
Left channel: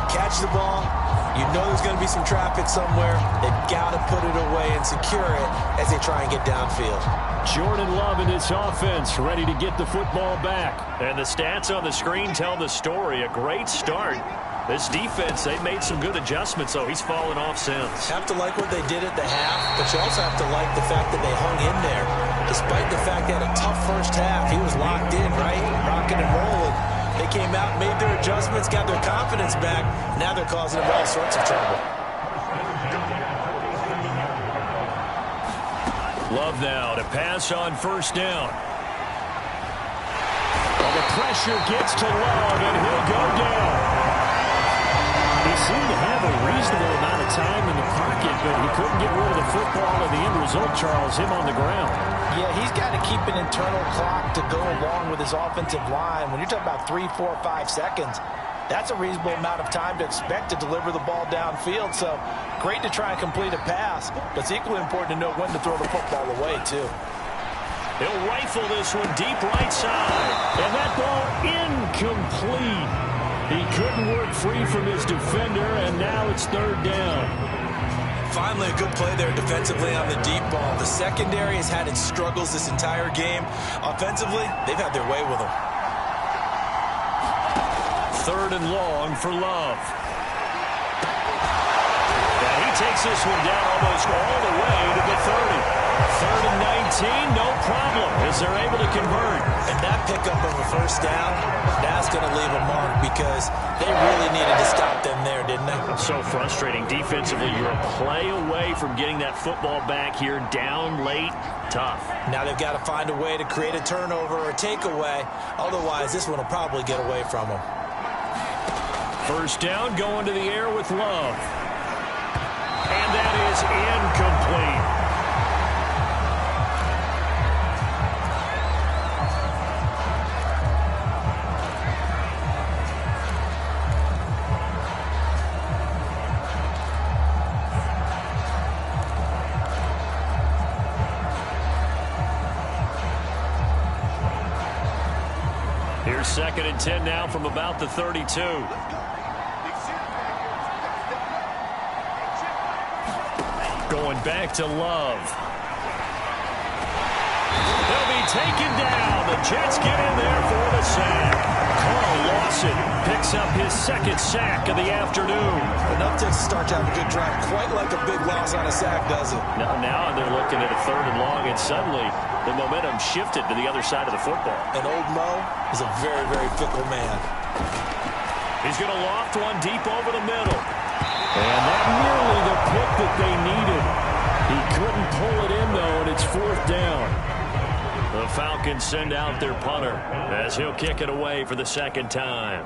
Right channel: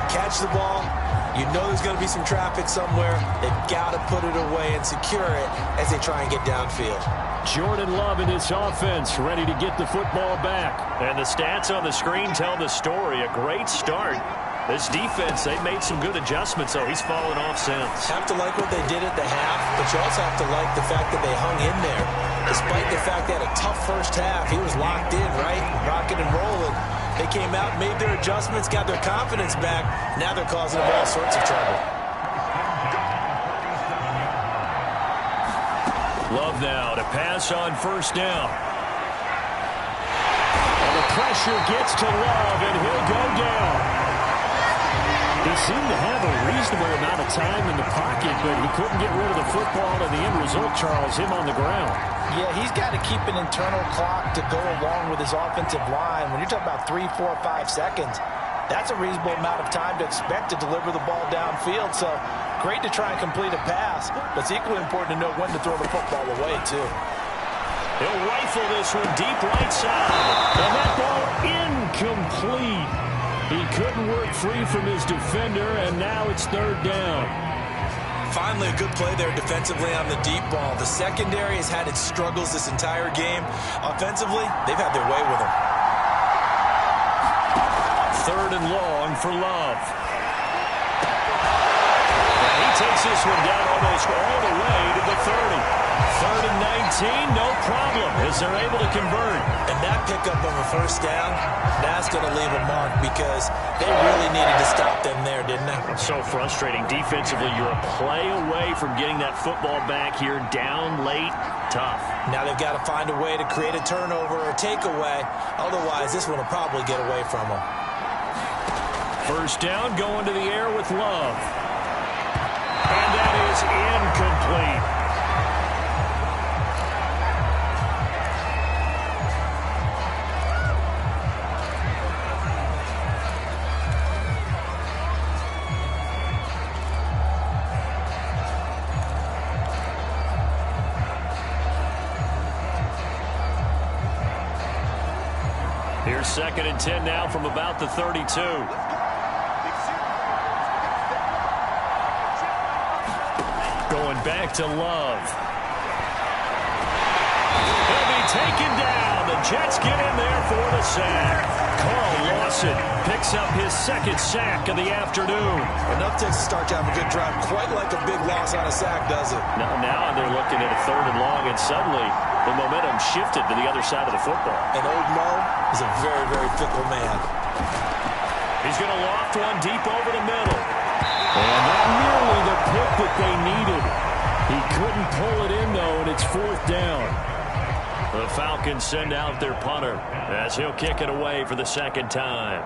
Catch the ball. You know there's going to be some traffic somewhere. They've got to put it away and secure it as they try and get downfield. Jordan Love and his offense ready to get the football back. And the stats on the screen tell the story. A great start. This defense, they've made some good adjustments, so he's fallen off since. Have to like what they did at the half, but you also have to like the fact that they hung in there. Despite the fact they had a tough first half, he was locked in, right? Rocking and rolling. They came out, made their adjustments, got their confidence back. Now they're causing them all sorts of trouble. Love now to pass on 1st down. Well, the pressure gets to Love, and he'll go down. He seemed to have a reasonable amount of time in the pocket, but he couldn't get rid of the football, and the end result, Charles, him on the ground. Yeah, he's got to keep an internal clock to go along with his offensive line. When you're talking about 3, 4, 5 seconds, that's a reasonable amount of time to expect to deliver the ball downfield. So great to try and complete a pass, but it's equally important to know when to throw the football away, too. He'll rifle this one deep right side, and that ball incomplete. He couldn't work free from his defender, and now it's 3rd down. Finally, a good play there defensively on the deep ball. The secondary has had its struggles this entire game. Offensively, they've had their way with them. 3rd and long for Love. Now he takes this one down almost all the way to the 30. 3rd and 19, no problem, as they're able to convert. And that pickup of a 1st down, that's going to leave a mark because they really needed to stop them there, didn't they? So frustrating. Defensively, you're a play away from getting that football back here, down late, tough. Now they've got to find a way to create a turnover or takeaway. Otherwise, this one will probably get away from them. 1st down, going to the air with Love. And that is incomplete. Here's 2nd and 10 now from about the 32. Going back to Love. He'll be taken down. The Jets get in there for the sack. Carl Lawson picks up his 2nd sack of the afternoon. Enough to start to have a good drive. Quite like a big loss on a sack, does it? Now they're looking at a 3rd and long, and suddenly the momentum shifted to the other side of the football. And old Mo is a very, very fickle man. He's going to loft one deep over the middle. And that nearly the pick that they needed. He couldn't pull it in, though, and it's 4th down. The Falcons send out their punter as he'll kick it away for the 2nd time.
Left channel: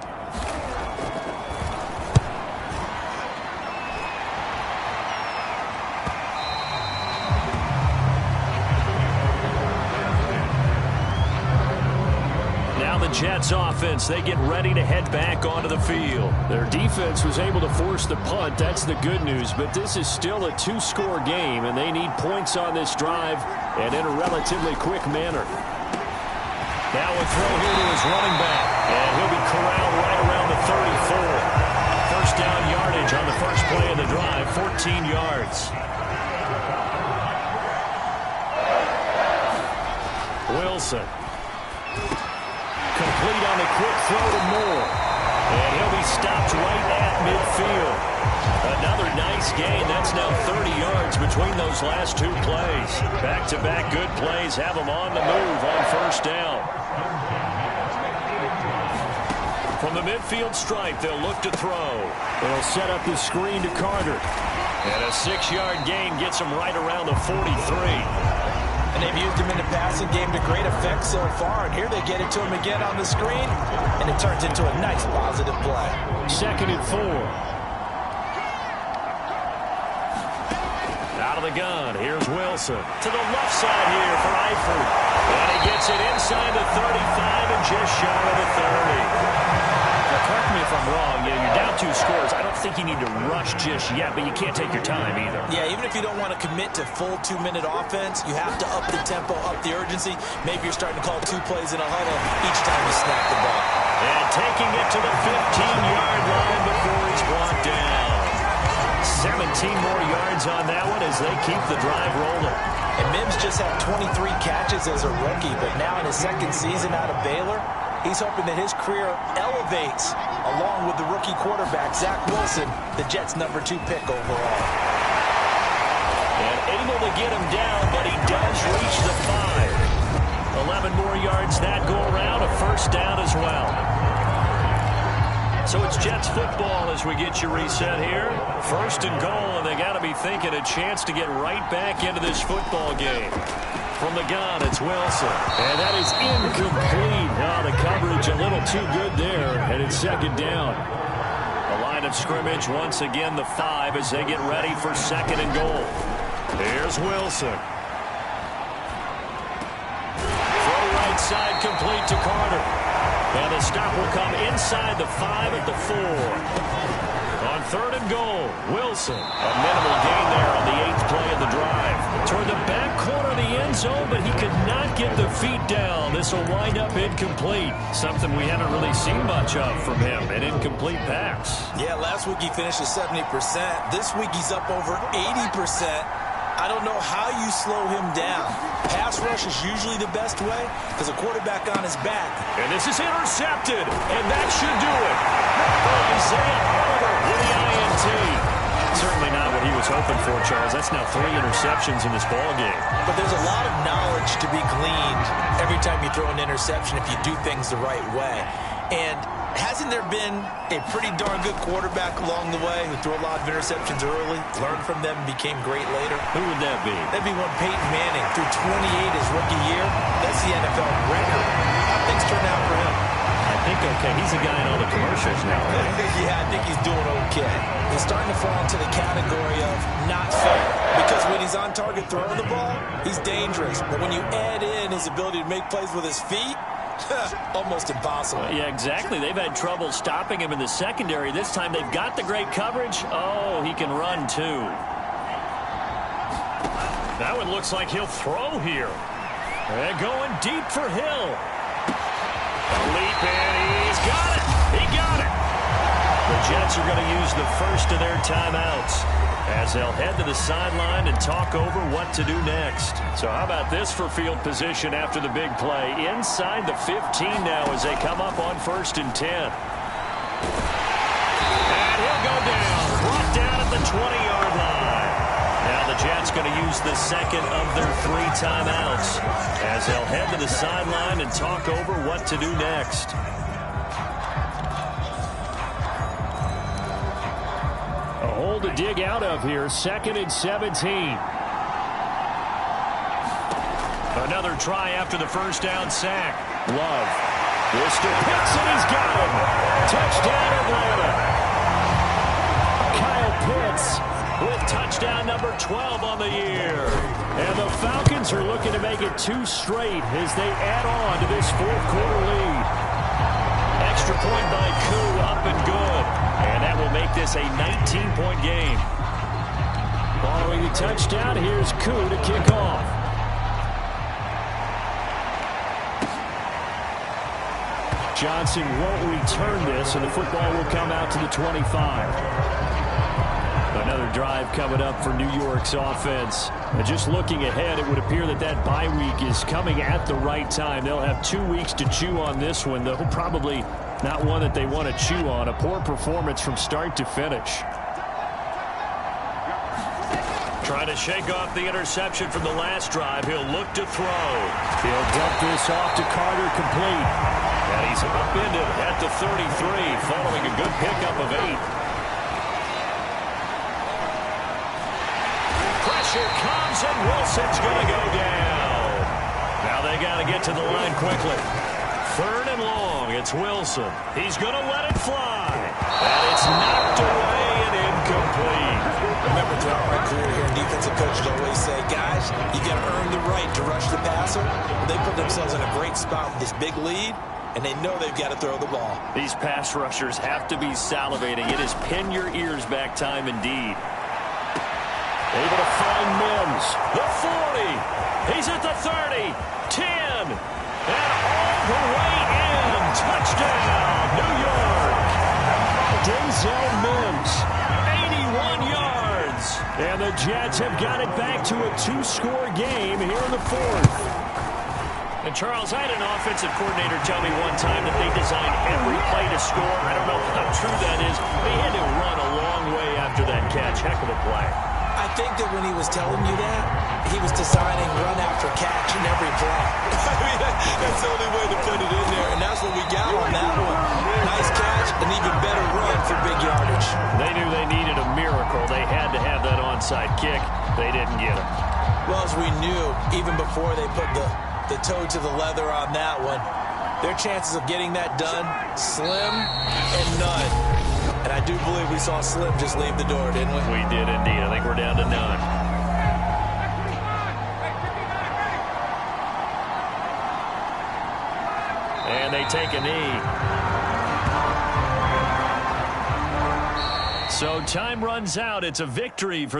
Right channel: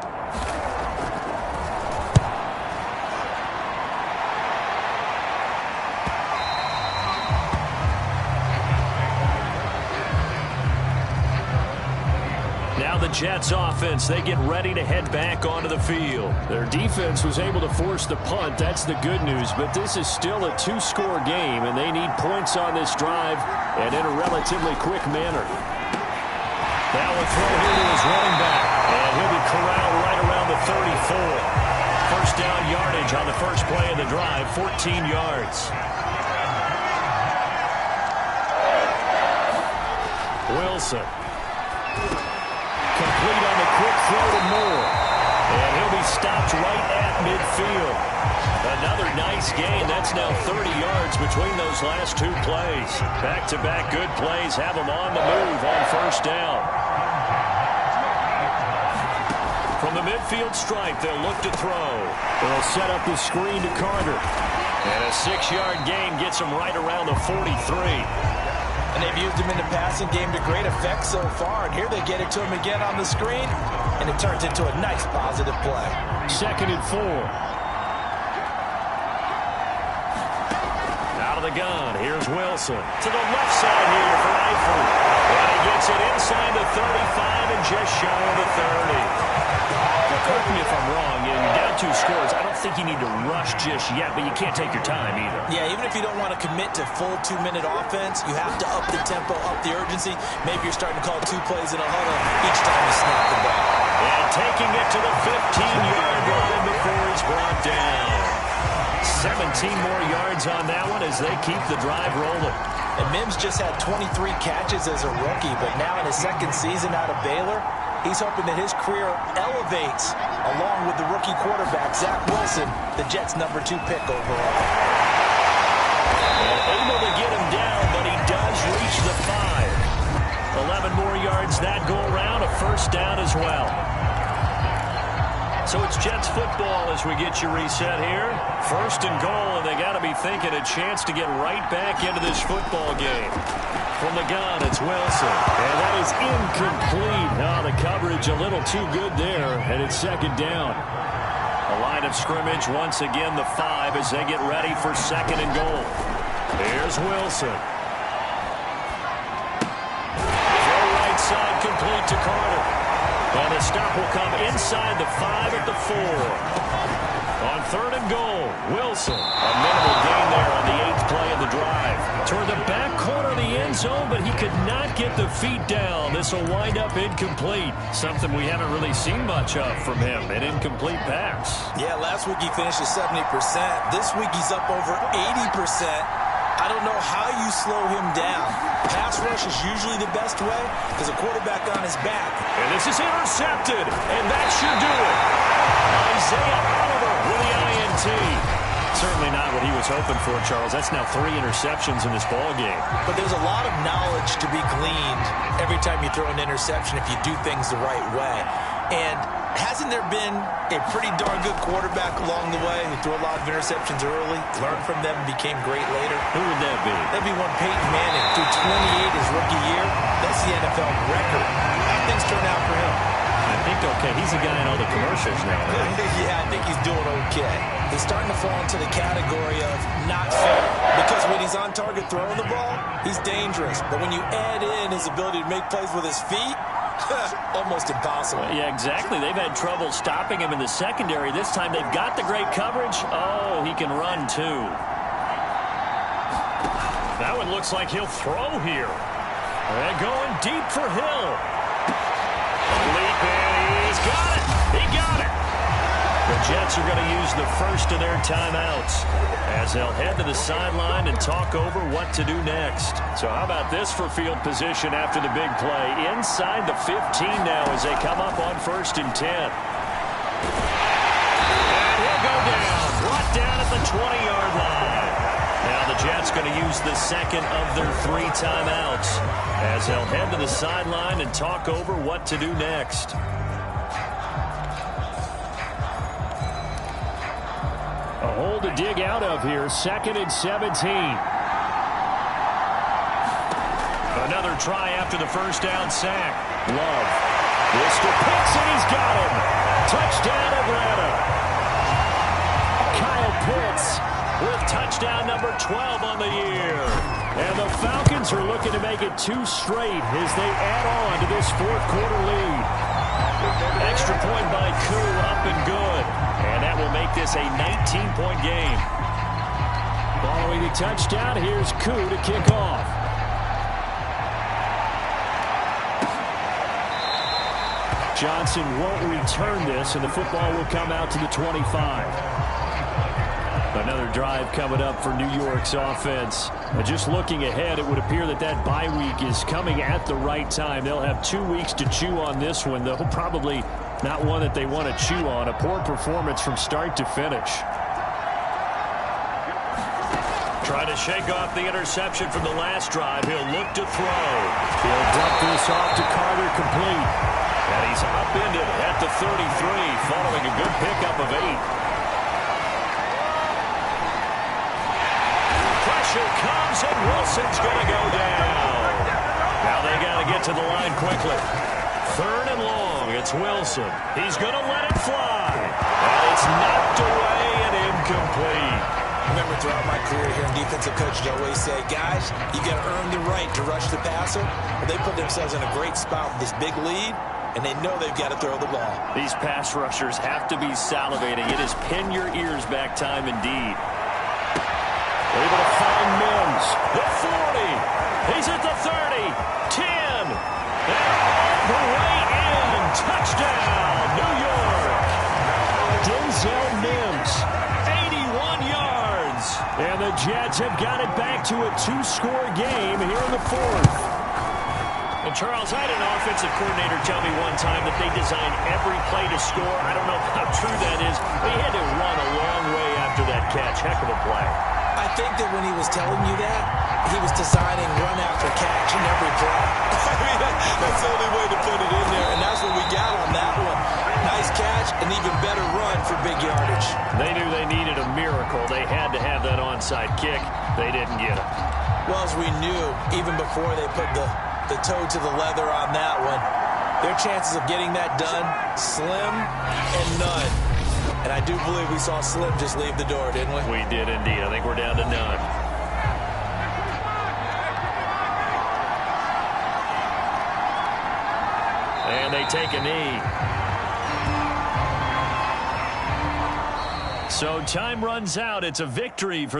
Now Now the Jets offense, they get ready to head back onto the field. Their defense was able to force the punt. That's the good news. But this is still a two-score game, and they need points on this drive and in a relatively quick manner. Now a throw here to his running back, and he'll be corralled right around the 34. First down yardage on the first play of the drive, 14 yards. Wilson. Complete on the quick throw to Moore. And he'll be stopped right at midfield. Another nice gain. That's now 30 yards between those last two plays. Back-to-back good plays have them on the move on first down. From the midfield stripe, they'll look to throw. They'll set up the screen to Carter. And a 6-yard gain gets them right around the 43. And they've used him in the passing game to great effect so far. And here they get it to him again on the screen. And it turns into a nice positive play. 2nd and 4. Out of the gun. Here's Wilson. To the left side here for Eifert. And he gets it inside the 35 and just shy of the 30. Now, correct me if I'm wrong. You're down 2 scores. I don't think you need to rush just yet, but you can't take your time either. Yeah, even if you don't want to commit to full 2-minute offense, you have to up the tempo, up the urgency. Maybe you're starting to call 2 plays in a huddle each time you snap the ball. And taking it to the 15-yard line before he's brought down. 17 more yards on that one as they keep the drive rolling. And Mims just had 23 catches as a rookie, but now in his 2nd season out of Baylor, he's hoping that his career elevates along with the rookie quarterback, Zach Wilson, the Jets' #2 pick overall. And able to get him down, but he does reach the 5. 11 more yards that go around, a first down as well. So it's Jets football as we get you reset here. 1st and goal, and they got to be thinking a chance to get right back into this football game. From the gun, it's Wilson. And that is incomplete. Oh, the coverage a little too good there, and it's 2nd down. A line of scrimmage, once again the 5 as they get ready for 2nd and goal. Here's Wilson. Throw right side complete to Carter. And the stop will come inside the 5 at the 4. On 3rd and goal, Wilson. A minimal gain there on the 8th play of the drive. Toward the back corner of the end zone, but he could not get the feet down. This will wind up incomplete. Something we haven't really seen much of from him, an incomplete pass. Yeah, last week he finished at 70%. This week he's up over 80%. I don't know how you slow him down. Pass rush is usually the best way because a quarterback on his back. And this is intercepted, and that should do it. Isaiah Oliver with the INT. Certainly not what he was hoping for, Charles. That's now 3 interceptions in this ball game. But there's a lot of knowledge to be gleaned every time you throw an interception if you do things the right way. And hasn't there been a pretty darn good quarterback along the way who threw a lot of interceptions early, learned from them, and became great later? Who would that be? That'd be one Peyton Manning. Threw 28 his rookie year. That's the NFL record. How things turn out for him? I think okay. He's a guy in all the commercials now, right? Yeah, I think he's doing okay. He's starting to fall into the category of not fair. Because when he's on target throwing the ball, he's dangerous. But when you add in his ability to make plays with his feet, almost impossible. Well, yeah, exactly. They've had trouble stopping him in the secondary. This time they've got the great coverage. Oh, he can run too. That one looks like he'll throw here. And going deep for Hill. Leap in. He's got it. He got it. The Jets are going to use the first of their timeouts as they'll head to the sideline and talk over what to do next. So how about this for field position after the big play? Inside the 15 now as they come up on 1st and 10. And he'll go down. Brought down at the 20-yard line. Now the Jets going to use the second of their 3 timeouts as they'll head to the sideline and talk over what to do next. A hole to dig out of here. 2nd and 17. Another try after the first down sack. Love. Mr. Pitts, and he's got him. Touchdown, Atlanta. Kyle Pitts with touchdown number 12 on the year. And the Falcons are looking to make it 2 straight as they add on to this 4th quarter lead. extra point by Koo, up and good. And that will make this a 19-point game. Following the touchdown, here's Koo to kick off. Johnson won't return this, and the football will come out to the 25. Another drive coming up for New York's offense. And just looking ahead, it would appear that that bye week is coming at the right time. They'll have 2 weeks to chew on this one, though probably not one that they want to chew on. A poor performance from start to finish. Trying to shake off the interception from the last drive. He'll look to throw. He'll dump this off to Carter, complete. And he's upended at the 33, following a good pickup of 8. Pressure comes, and Wilson's going to go down. Now they got to get to the line quickly. 3rd and long. It's Wilson. He's going to let it fly. And it's knocked away and incomplete. Remember, throughout my career here in defensive coaches, I always say, guys, you got to earn the right to rush the passer. Well, they put themselves in a great spot with this big lead, and they know they've got to throw the ball. These pass rushers have to be salivating. It is pin your ears back time indeed. Able to find Mims. The 40. He's at the 30. 10. And all the way in. Touchdown, New York. Denzel Mims. 81 yards. And the Jets have got it back to a 2-score game here in the 4th. And, Charles, I had an offensive coordinator tell me one time that they design every play to score. I don't know how true that is, but he had to run a long way after that catch. Heck of a play. I think that when he was telling you that, he was designing run after catch in every play. I mean, that's the only way to put it in there, and that's what we got on that one. Nice catch, an even better run for big yardage. They knew they needed a miracle. They had to have that onside kick. They didn't get it. Well, as we knew, even before they put the toe to the leather on that one, their chances of getting that done, slim and none. And I do believe we saw Slim just leave the door, didn't we? We did indeed. I think we're down to none. And they take a knee. So time runs out. It's a victory for